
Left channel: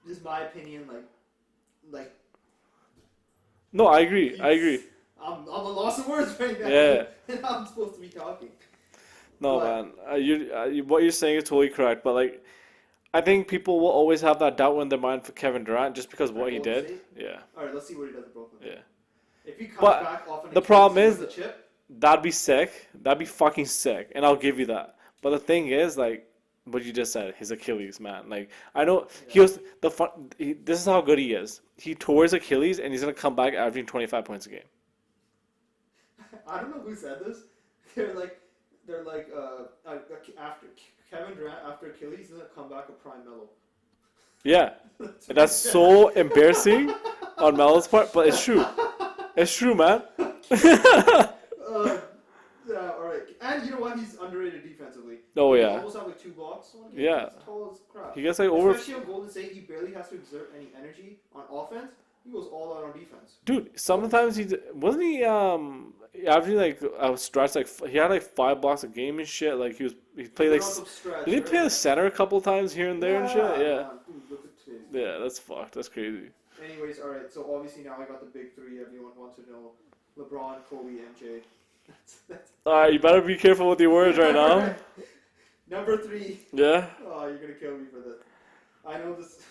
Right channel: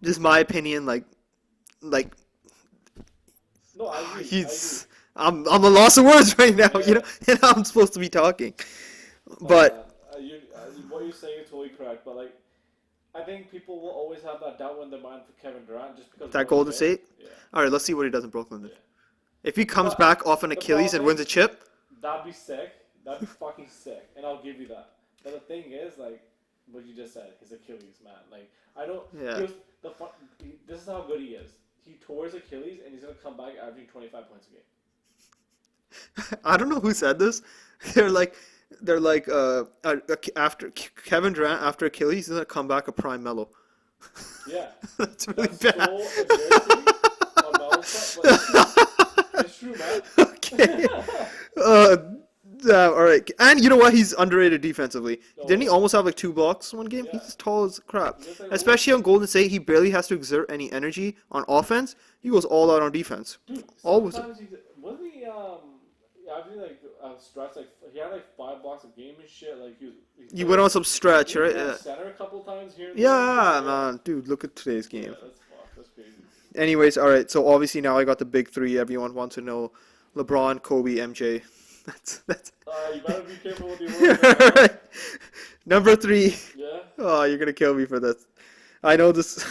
just my opinion, like No, I agree. he's, I agree. I'm a loss of words right now, Yeah. you know, and I'm supposed to be talking. No, but man, what you're saying is totally correct. But like, I think people will always have that doubt in their mind for Kevin Durant just because that what Golden he did. State. Yeah, All right, let's see what he does in Brooklyn. Then. yeah. If he comes But back off an the Achilles problem and wins is- a chip, That'd be sick. That'd be fucking sick, and I'll give you that. But the thing is, like, what you just said, his Achilles, man. Like, I know Yeah. he was the fun. This is how good he is. He tore his Achilles, and he's gonna come back averaging 25 points a game. I don't know who said this. They're like after Kevin Durant after Achilles, he's gonna come back a prime Mellow. Yeah, That's really that's bad. so embarrassing on Melo's part, but it's true. It's true, man. All right, and you know what? He's underrated defensively. Oh, Didn't he yeah. almost have like 2 blocks one game? Yeah. He's tall as crap. He gets, like, over- Especially on Golden State, he barely has to exert any energy on offense. He goes all out on defense. Dude, sometimes wasn't he averaging like a stretch like he had like 5 blocks a game and shit. Like he He played, went like, on some stretch, Did he right? play Yeah, the center a couple times here and there? And yeah, shit? man, dude, look at today's game. Yeah, that's fucked. That's crazy. Anyways, all right. So obviously now I got the big 3. Everyone wants to know: LeBron, Kobe, MJ. That's All right, you better be careful with your words right now. number 3. Yeah, Oh, you're gonna kill me for this. I know this.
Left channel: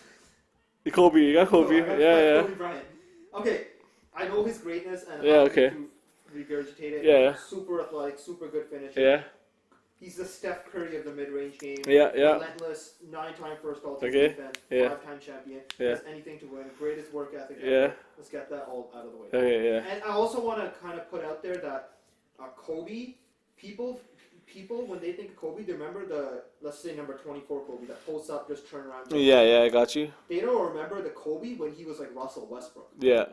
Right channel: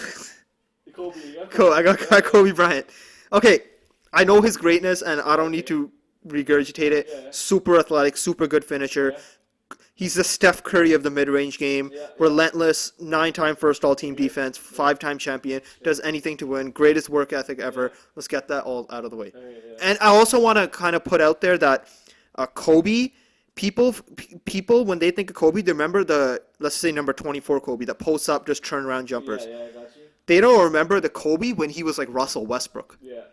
Kobe. You got Kobe. Cool, I got yeah, Kobe Bryant. Okay, I know his greatness, and I don't need okay. to regurgitate it. Yeah. Super athletic, super good finisher. Yeah. He's the Steph Curry of the mid-range game. Yeah, yeah. Relentless, 9-time first all-team Okay, defense, yeah. 5-time champion. Yeah. Does anything to win. Greatest work ethic ever. Yeah. Let's get that all out of the way. Okay, yeah. And I also want to kind of put out there that Kobe, people when they think of Kobe, they remember let's say number 24 Kobe, that posts up, just turn around jumpers. Yeah, I got you. They don't remember the Kobe when he was like Russell Westbrook. Yeah.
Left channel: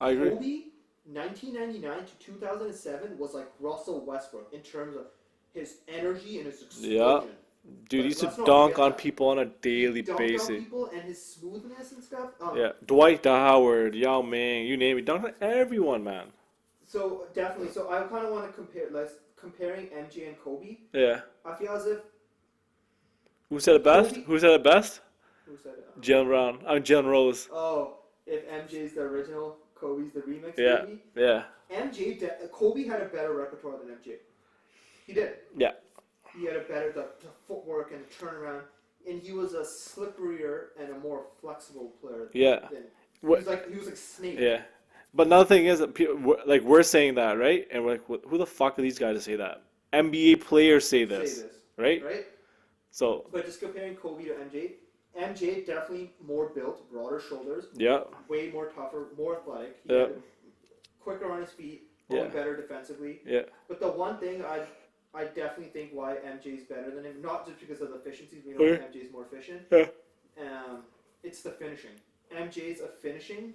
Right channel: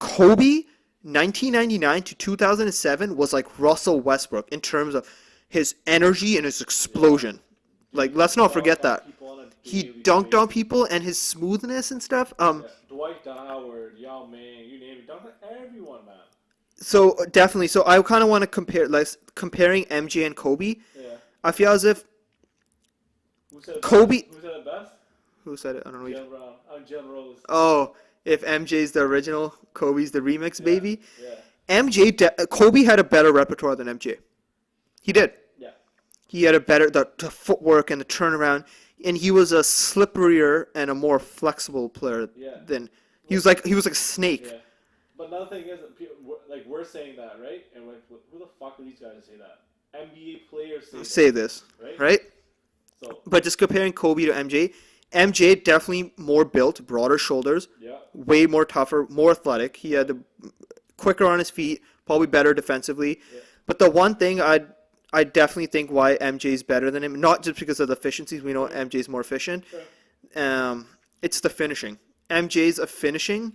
Kobe, 1999 to 2007 was like Russell Westbrook in terms of his energy and his explosion. Dude, Like, used let's to not dunk forget on that. people on a He daily dunked on basis. people and his smoothness and stuff. Yeah, Dwight Howard, Yao Ming, you name it, dunked on everyone, man. So definitely. So I kind of want to compare, comparing MJ and Kobe. Yeah. I feel as if Who said it best? Kobe- Who said it best? who said it? I don't know. Jalen Brown. Jalen Rose. Oh, if MJ's the original, Kobe's the remix, Yeah. baby. Yeah. Kobe had a better repertoire than MJ. He did. Yeah. He had a better the footwork and the turnaround, and he was a slipperier and a more flexible player. Yeah. Than he was like a snake. Yeah. But another thing is that we're saying that, right? And we're like, who the fuck are these guys to say that? NBA players say this. Say this, Right? right? So, But just comparing Kobe to MJ, MJ definitely more built, broader shoulders, yeah. way more tougher, more athletic. He had Yeah. quicker on his feet, probably Yeah. better defensively. Yeah. But the one thing I definitely think why MJ's better than him, not just because of the efficiencies. We know Okay. MJ's more efficient. Yeah. It's the finishing. MJ's finishing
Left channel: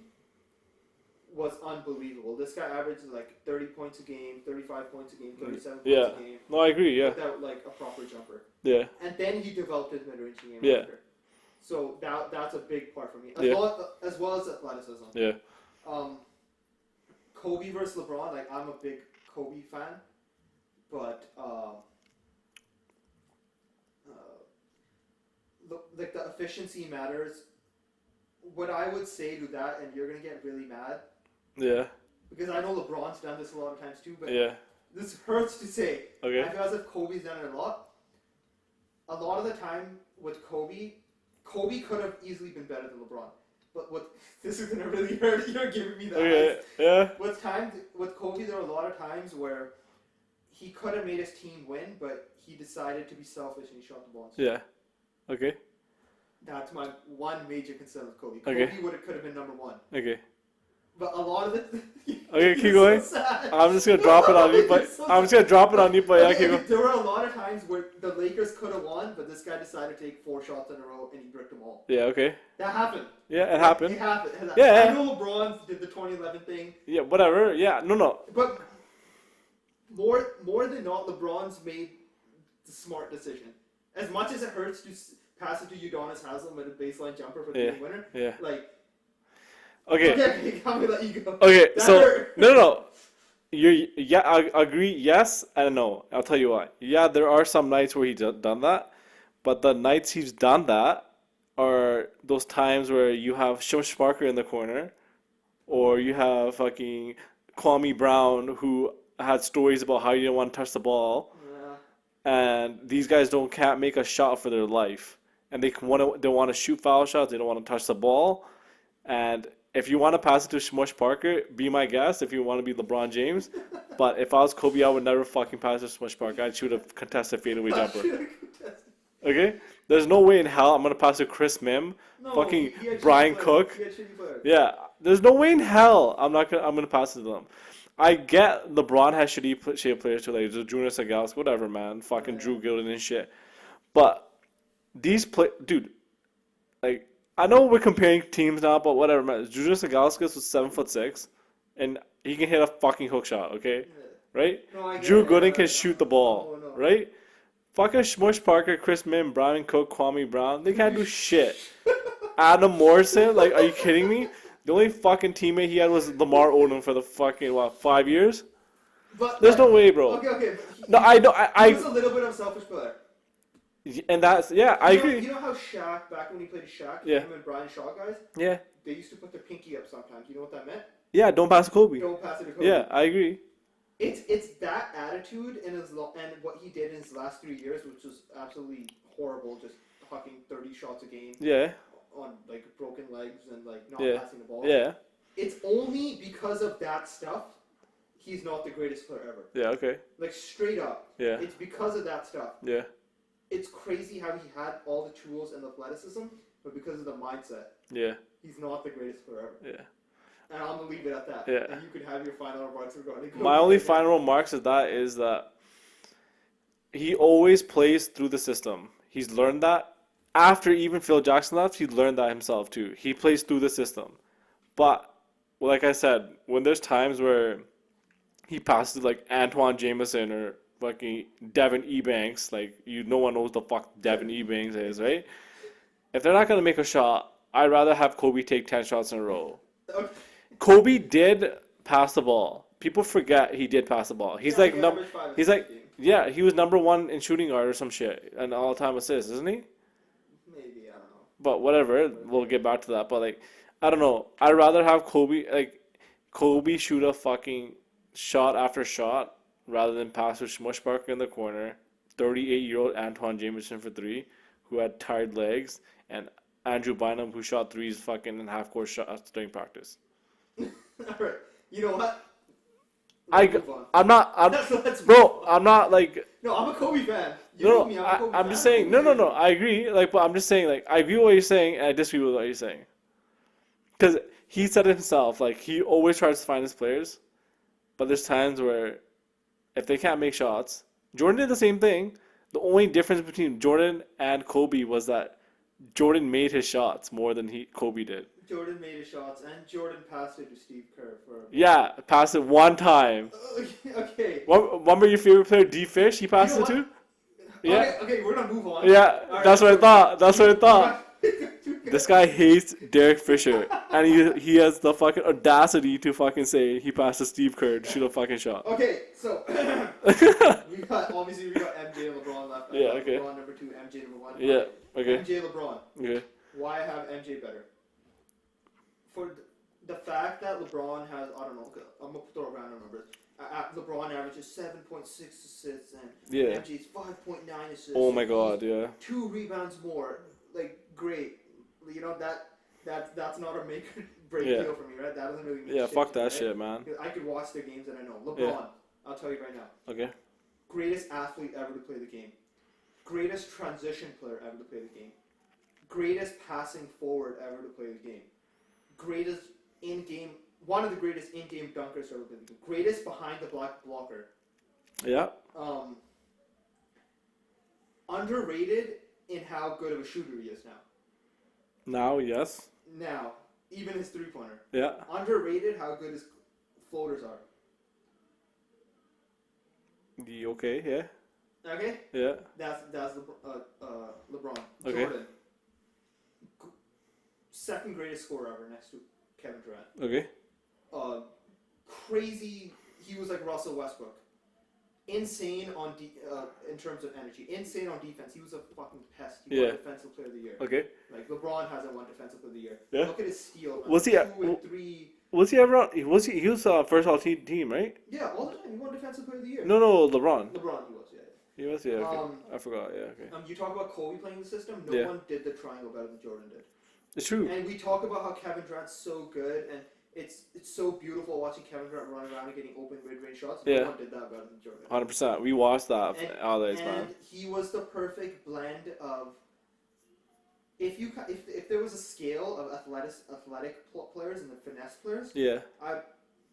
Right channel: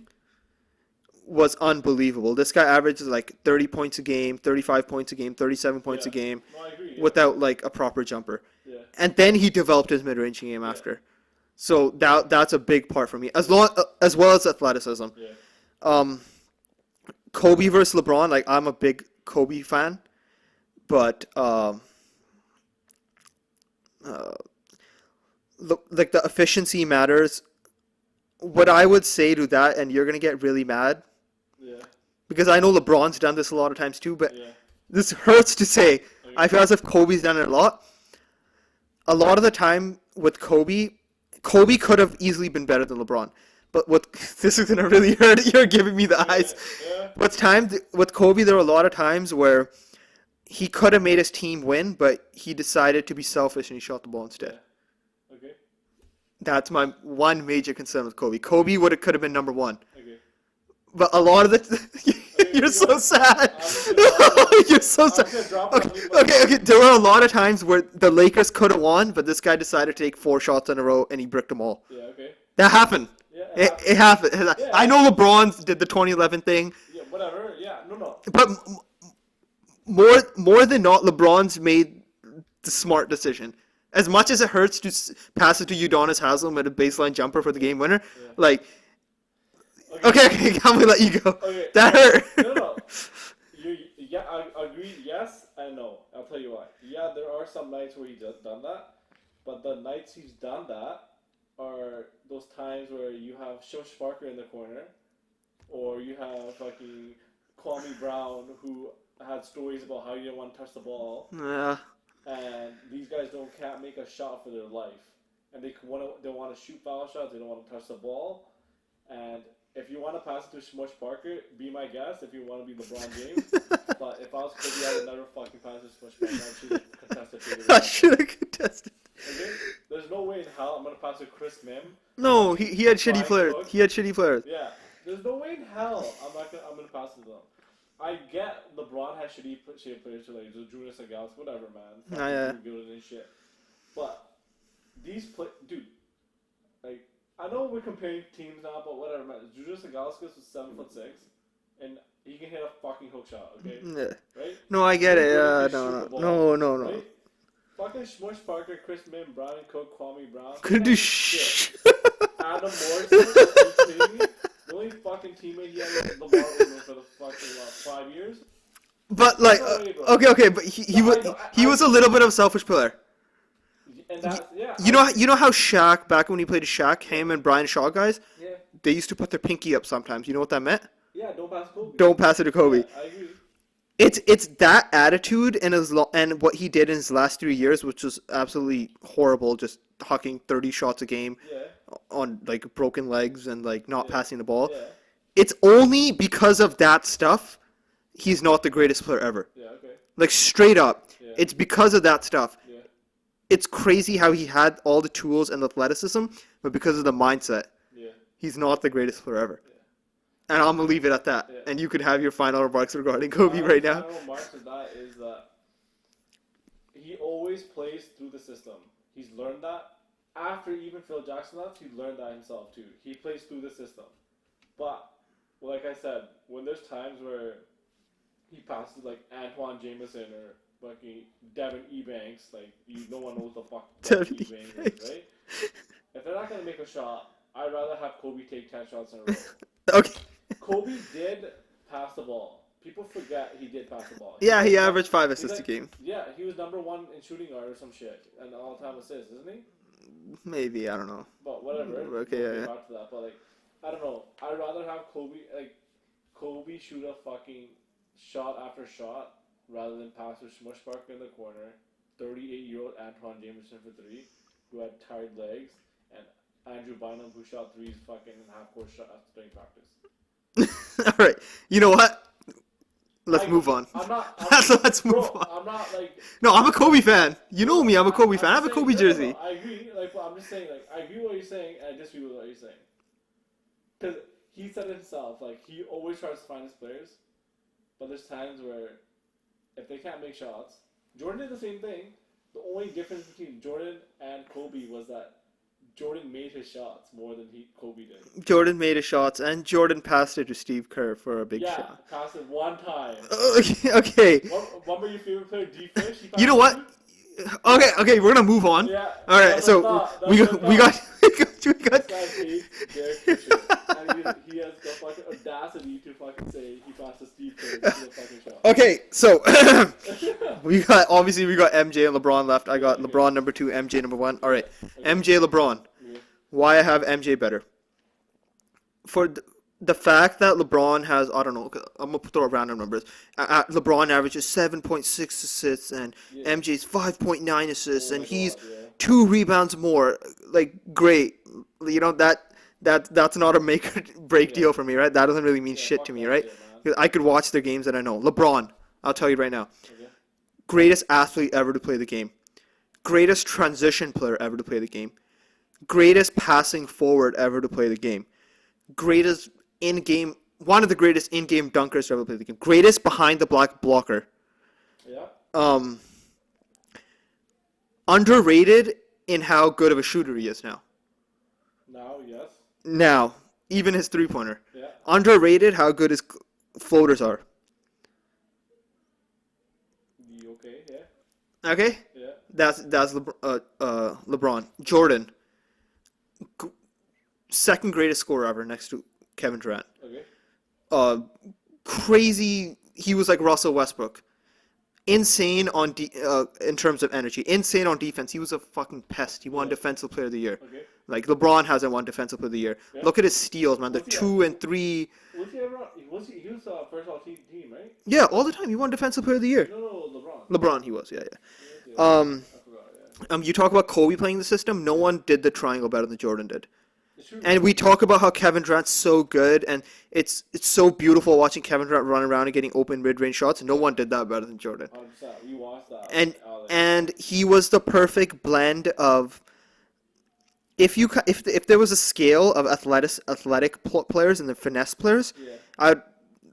was unbelievable. This guy averages like 30 points a game, 35 points a game, 37 points a Yeah. game No, I agree. Yeah. without like a proper jumper. Yeah. And then he developed his mid-range game Yeah. after. So that's a big part for me, Yeah. as well as athleticism. Yeah. Kobe versus LeBron. Like I'm a big Kobe fan, but like the efficiency matters. What I would say to that, and you're gonna get really mad Yeah. because I know LeBron's done this a lot of times too, but Yeah. this hurts to say. Okay. I feel as if Kobe's done it a lot. A lot of the time with Kobe could have easily been better than LeBron. But what this is gonna really hurt. You're giving me the eyes. Yeah. With Kobe, there were a lot of times where he could have made his team win, but he decided to be selfish and he shot the ball instead. Yeah. Okay. That's my one major concern with Kobe. Kobe could have been number one. Okay. But a lot of the Okay, you're keep so going. sad. I'm just gonna drop it on you. You're so I'm sad. just gonna drop it on you. But Okay. There were a lot of times where the Lakers could have won, but this guy decided to take 4 shots in a row and he bricked them all. Yeah. Okay. That happened. Yeah, it happened. It happened. Yeah. I know LeBron did the 2011 thing, Yeah. Whatever. Yeah. No. but more than not, LeBron's made the smart decision. As much as it hurts to pass it to Udonis Haslem at a baseline jumper for the game winner, Yeah. like, Okay. okay, I'm gonna let you go. Okay. That hurt. No. I agree. Yes and no. I'll tell you why. Yeah, there are some nights where he's done that, but the nights he's done that are those times where you have Shush Parker in the corner, or you have fucking Kwame Brown who had stories about how he didn't want to touch the ball, Yeah. and these guys can't make a shot for their life, and they want to shoot foul shots. They don't want to touch the ball, and if you want to pass it to Smush Parker, be my guest. If you want to be LeBron James, but if I was Kobe, I would never fucking pass to Smush Parker. I'd shoot a contested fadeaway I jumper. should have contested. Okay, there's no way in hell I'm gonna pass to Chris Mim. No, fucking he had shitty Brian players. Cook. He had shitty players. Yeah, there's no way in hell I'm gonna pass it to them. I get LeBron has shitty players too, like Jonas Agalos, whatever, man, fucking Yeah. Drew Gilden and shit. But dude, like I know we're comparing teams now, but whatever, man. Jonas Agalos was 7'6", and he can hit a fucking hook shot, okay, Yeah. right? No, I get Drew it. Gooden can No, shoot no. the ball, No. right? Fucking Smush Parker, Chris Mim, Brian Cook, Kwame Brown, they can't do shit. Adam Morrison, like, are you kidding me? The only fucking teammate he had was Lamar Odom for the fucking 5 years. But There's like, no way, bro. okay, but he was a little bit of a selfish player. And that's You know how Shaq, back when he played Shaq, him and Brian Shaw guys, yeah, they used to put their pinky up sometimes. You know what that meant? don't pass Kobe. Don't pass it to Kobe. Yeah, I agree. It's that attitude and and what he did in his last 3 years, which was absolutely horrible, just hucking 30 shots a game Yeah, on like broken legs and like not Yeah. passing the ball. yeah, It's only because of that stuff he's not the greatest player ever. yeah. Okay, Like straight up. Yeah. It's because of that stuff. yeah, It's crazy how he had all the tools and athleticism, but because of the mindset, yeah, he's not the greatest player ever. yeah. And I'm gonna leave it at that. Yeah. And you could have your final remarks regarding Kobe My only right now. final remarks is that he always plays through the system. He's learned that after even Phil Jackson left. He learned that himself too. He plays through the system, but like I said, when there's times where he passes to like Antoine Jameson or fucking Devin Ebanks, like no one knows the fuck Devin Ebanks is, right? If they're not gonna make a shot, I'd rather have Kobe take 10 shots in a row. Okay. Kobe did pass the ball. People forget he did pass the ball. He's Yeah, he averaged 5 he's assists a game. Yeah, he was number 1 in shooting guard or some shit, and all-time assists, isn't he? Maybe, I don't know. But whatever, Okay, we'll get back to that. But like, I don't know. I'd rather have Kobe shoot a fucking shot after shot rather than pass to Smush Parker in the corner, 38-year-old Antoine Jameson for 3, who had tired legs, and Andrew Bynum, who shot 3s fucking in half-court shots during practice. All right. You know what? Let's move on. Let's move on. I'm not like. No, I'm a Kobe fan. You know me. I'm a Kobe fan. I have a Kobe jersey. No, I agree. Like, but I'm just saying, like, I agree with what you're saying, and I disagree with what you're saying. Because he said it himself, like, he always tries to find his players, but there's times where if they can't make shots, Jordan did the same thing. The only difference between Jordan and Kobe was that Jordan made his shots more than Kobe did. Jordan made his shots, and Jordan passed it to Steve Kerr for a big shot. Passed it one time. Okay. Remember your favorite player, D Fish? He passed You know what? it to? Okay, we're gonna move on. Yeah, All right, that's what I thought. That's what I thought. This guy hates Derek Fisher, and he has the fucking audacity to fucking say he passed to Steve Kerr to shoot a fucking shot. Okay, so we got MJ and LeBron left. I got okay. LeBron number 2, MJ number 1. All right, okay. MJ, LeBron. Okay. Why I have MJ better? For the fact that LeBron has, I don't know, I'm gonna throw random numbers. LeBron averages 7.6 assists and MJ's 5.9 assists, and he's 2 rebounds more. Like, great, you know that's not a make or break deal for me, right? That doesn't really mean shit to me, right? Shit, man. I could watch their games and I know. LeBron, I'll tell you right now. Okay. Greatest athlete ever to play the game. Greatest transition player ever to play the game. Greatest passing forward ever to play the game. Greatest in-game, one of the greatest in-game dunkers to ever play the game. Greatest behind the black blocker. Yeah. Underrated in how good of a shooter he is now. Now, yes. Now, even his three-pointer. Yeah. Underrated how good his floaters are. Okay, yeah. Okay? Yeah. That's LeBron. Jordan. Second greatest scorer ever next to Kevin Durant. Okay. Crazy. He was like Russell Westbrook. Insane on in terms of energy. Insane on defense. He was a fucking pest. He won Defensive Player of the Year. Okay. Like LeBron hasn't won Defensive Player of the Year. Yeah. Look at his steals, man. Was The he 2 and 3. Was he ever on? He was first all team, right? Yeah, all the time. He won Defensive Player of the Year. No, LeBron. LeBron, he was. Yeah. He was, yeah. I forgot. Yeah. Okay. You talk about Kobe playing the system. No one did the triangle better than Jordan did. It's true. And we talk about how Kevin Durant's so good, and it's so beautiful watching Kevin Durant run around and getting open mid-range shots. And no one did that better than Jordan. 100%. We watched that. And he was the perfect blend of if there was a scale of athletic players and the finesse players. Yeah.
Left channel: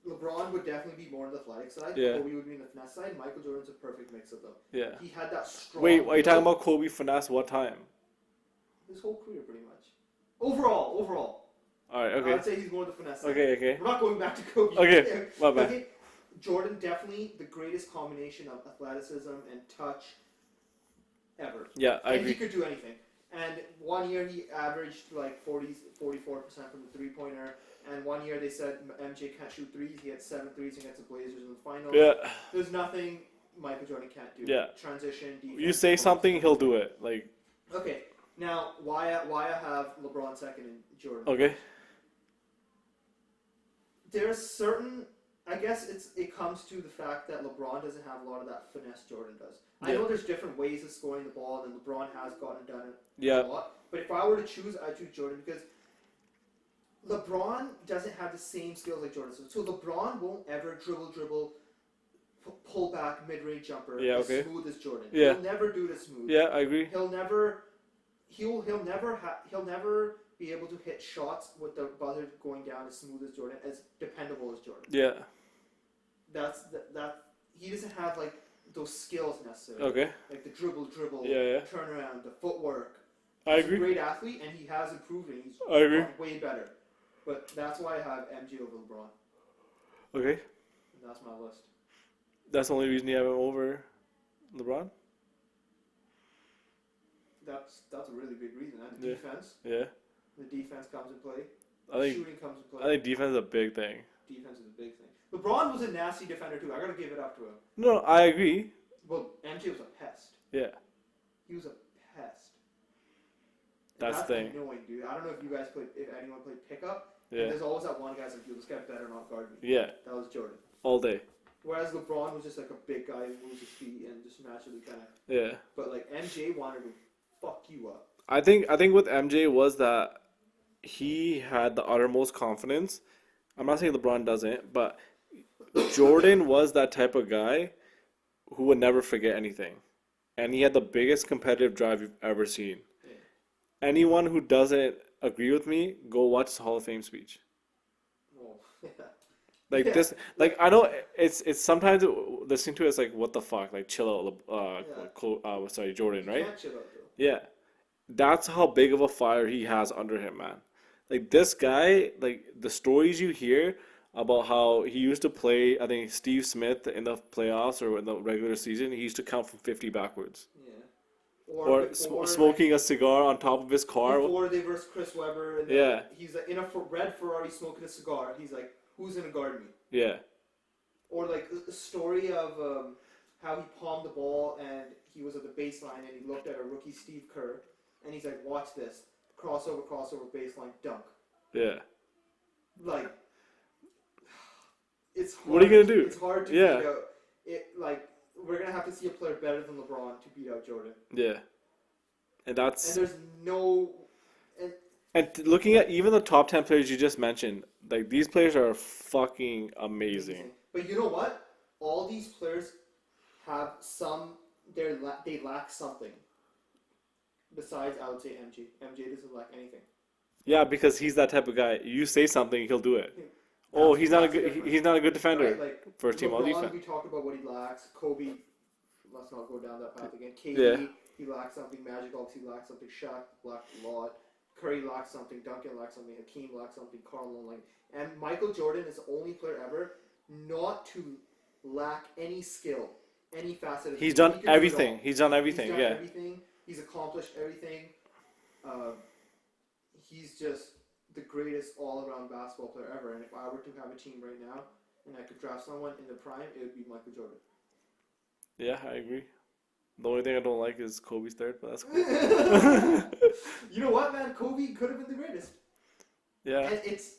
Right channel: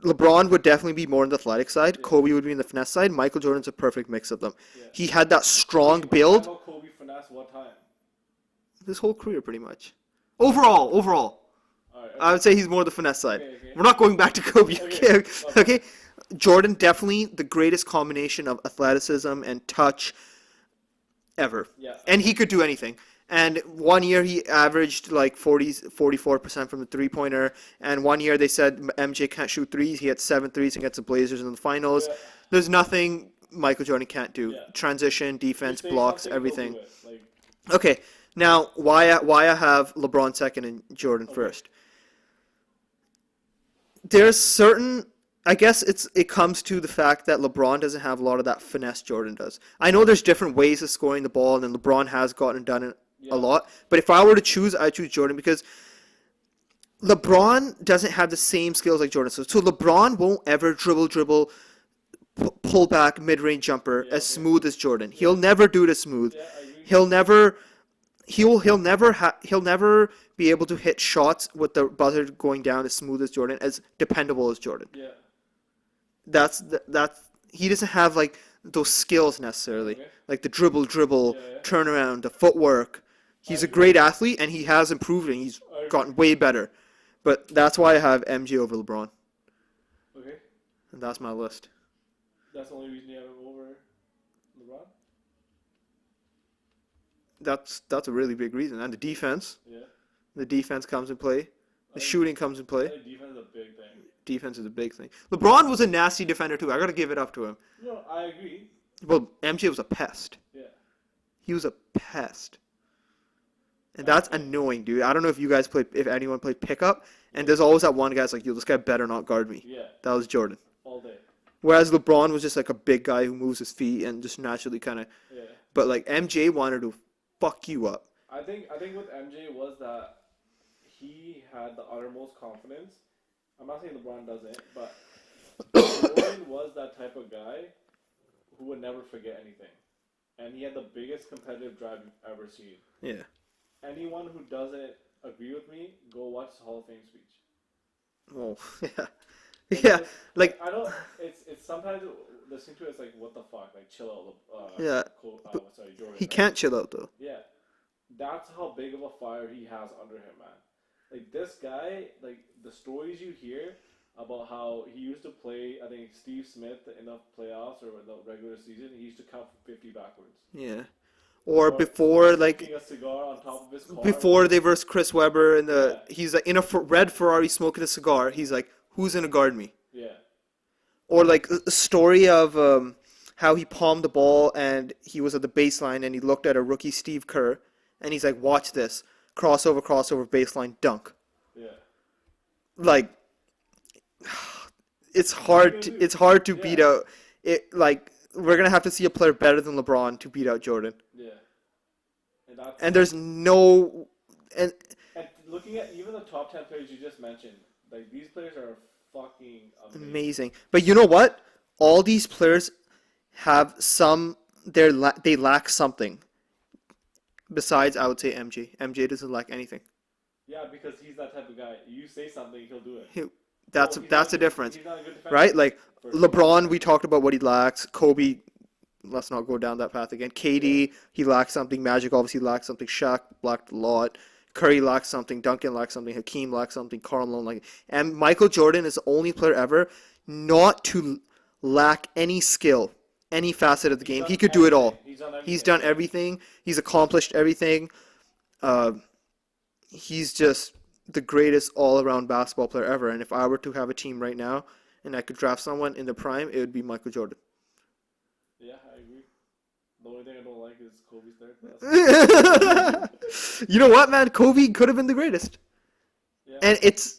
LeBron would definitely be more on the athletic side. Yeah. Kobe would be in the finesse side. Michael Jordan's a perfect mix of them. Yeah. He had that strong Wait, build. talking about Kobe finesse, what time? His whole career, pretty much. Overall. All right. Okay. I would say he's more the finesse side. Okay. We're not going back to Kobe. Okay. Okay. Jordan, definitely the greatest combination of athleticism and touch ever. Yeah. And he could do anything. And one year he averaged like 44% from the three-pointer. And one year they said MJ can't shoot threes. He had 7 threes against the Blazers in the finals. Yeah. There's nothing Michael Jordan can't do. Yeah. Transition, defense, you say blocks, something, everything. he'll do it. Like. Okay. Now, why I have LeBron second and Jordan first? There's certain, I guess it comes to the fact that LeBron doesn't have a lot of that finesse Jordan does. I know there's different ways of scoring the ball, and then LeBron has gotten and done it a lot. But if I were to choose, I choose Jordan because LeBron doesn't have the same skills like Jordan. So LeBron won't ever dribble, pull back, mid-range jumper as smooth as Jordan. He'll never do it as smooth. Yeah, I agree. He'll never be able to hit shots with the buzzer going down as smooth as Jordan, as dependable as Jordan. Yeah. That's he doesn't have like those skills necessarily. Okay. Like the dribble, turnaround, the footwork. He's a great athlete and he has improved and he's gotten way better. But that's why I have MJ over LeBron. Okay. And that's my list. That's the only reason you have him over LeBron? That's a really big reason. And the defense. Yeah. The defense comes in play. The shooting comes in play. I think defense is a big thing. Defense is a big thing. LeBron was a nasty defender too. I got to give it up to him. No, I agree. Well, MJ was a pest. Yeah. He was a pest. And that's annoying, dude. I don't know if anyone played pickup, and there's always that one guy's like, yo, this guy better not guard me. Yeah. That was Jordan. All day. Whereas LeBron was just like a big guy who moves his feet and just naturally kind of. Yeah. But like MJ wanted to fuck you up. I think with MJ was that he had the uttermost confidence. I'm not saying LeBron doesn't, but Jordan was that type of guy who would never forget anything. And he had the biggest competitive drive you've ever seen. Yeah. Anyone who doesn't agree with me, go watch his Hall of Fame speech. Oh, yeah. Like yeah. This, like I know it's sometimes listening to it, it's like, what the fuck? Like, chill out. Jordan, He right? can't chill out, though. Yeah. That's how big of a fire he has under him, man. Like, this guy, like, the stories you hear about how he used to play, I think, Steve Smith in the playoffs or in the regular season, he used to count from 50 backwards. Yeah. or before like smoking a cigar on top of his car. before they verse Chris Webber in the Yeah. he's like in a red Ferrari smoking a cigar. He's like, who's gonna guard me? Yeah. Or like a story of how he palmed the ball and he was at the baseline and he looked at a rookie Steve Kerr and he's like, watch this crossover, baseline dunk. Yeah. Like it's What are hard. you gonna do? It's hard to Yeah. beat out. It like we're gonna have to see a player better than LeBron to beat out Jordan. Yeah. And that's And there's no and looking at even the top 10 players you just mentioned, like these players are fucking amazing. But you know what? All these players have some. They lack something. Besides, I would say MJ. MJ doesn't lack anything. Yeah, because he's that type of guy. You say something, he'll do it. That's he's that's not a difference, He's not a good defender, right? Like First of all, LeBron, we talked about what he lacks. Kobe, let's not go down that path again. KD, Yeah. he lacks something. Magic obviously lacks something. Shaq lacked a lot. Curry lacks something. Duncan lacks something. Hakeem lacks something. Karl Malone and Michael Jordan is the only player ever not to lack any skill, any facet of the game. He could do it all. He's done everything. He's done yeah. everything. He's accomplished everything. He's just the greatest all-around basketball player ever. And if I were to have a team right now and I could draft someone in the prime, it would be Michael Jordan. Yeah, I agree. The only thing I don't like is Kobe's third, but that's You know what, man? Kobe could have been the greatest. yeah. And it's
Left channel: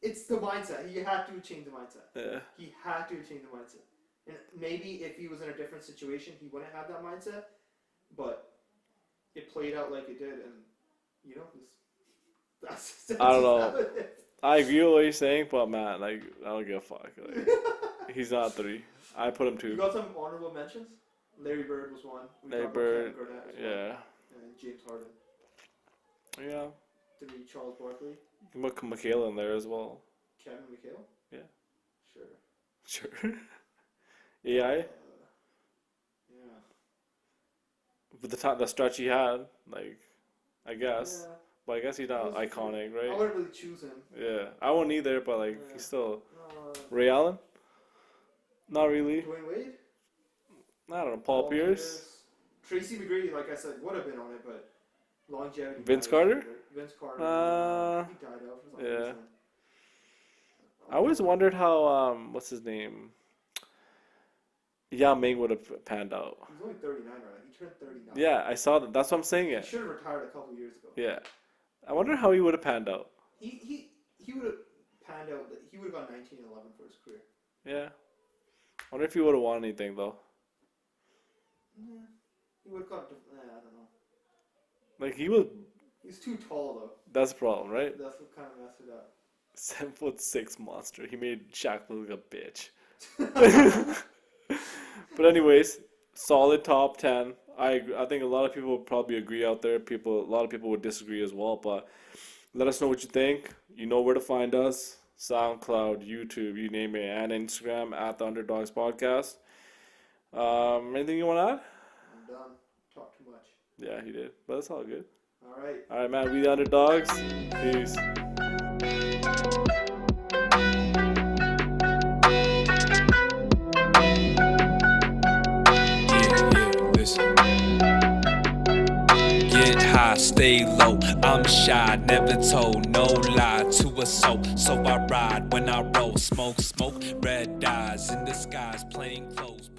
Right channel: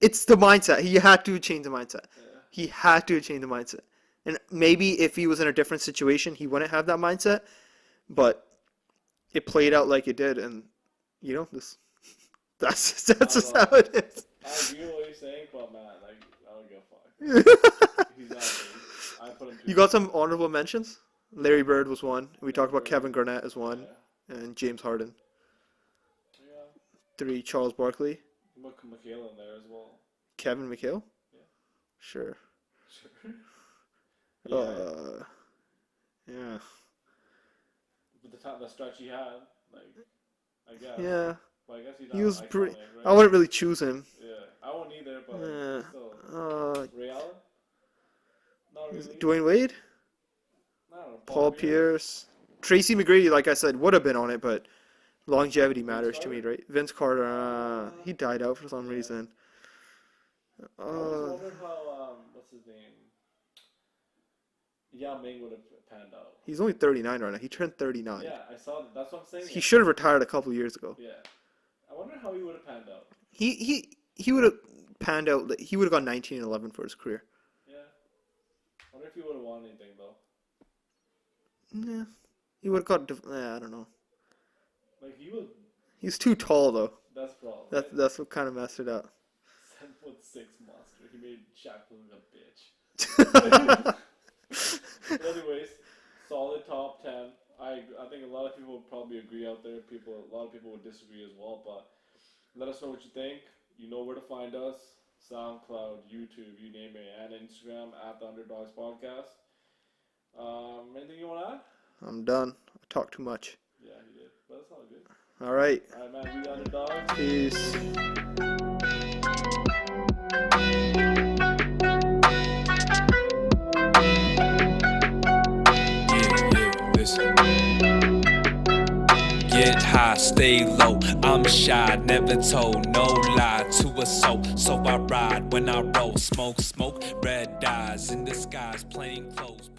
the mindset. He had to change the mindset. Yeah. He had to change the mindset. And maybe if he was in a different situation, he wouldn't have that mindset. But it played out like it did, and that's don't just know. how it is. I agree with what you're saying, but man, like I don't give a fuck. He's not 3. I put him 2. You got some honorable mentions? Larry Bird was one. We Larry talked about Bird, Kevin Garnett as one, Yeah. and James Harden. Yeah. 3, Charles Barkley, Put Michaela in there as well. Kevin McHale. Yeah. Sure. Sure. Yeah. Yeah. With the stretch he had, like, I guess. Yeah. But I guess he's not He was iconic, great. right? I wouldn't really choose him. Yeah. I wouldn't either, but like, Yeah. still. Uh, Ray Allen? Not really. Dwayne Wade, I don't know. Paul Pierce, Tracy McGrady. Like I said, would have been on it, but longevity Vince matters Carter? to me, right? Vince Carter. He died out for some yeah. reason. I always wondered how what's his name? Yao Ming would have panned out. He's only 39 right now. He turned 39. Yeah, I saw that. That's what I'm saying. He Yeah. should have retired a couple years ago. Yeah. I wonder how he would have panned out. He would have panned out. He would have gone 19 and 11 for his career. Yeah. I wonder if he would have won anything though. Yeah. He would have got. I don't know. Like he was. He's too tall though. That's the problem, right? That's what kind of messed it up. 7'6" monster. He made Shaq look like a bitch. But anyways, solid top 10. I think a lot of people would probably agree out there. A lot of people would disagree as well. But let us know what you think. You know where to find us: SoundCloud, YouTube, you name it, and Instagram at the Underdogs Podcast. Anything you want to add? I'm done. I talked too much. Yeah, he did, but it's all good. All right. All right, man. We the Underdogs. Peace. Peace. Listen. Get high, stay low. I'm shy, never told no lie to a soul. So I ride when I roll, smoke, red eyes in the skies, plain clothes.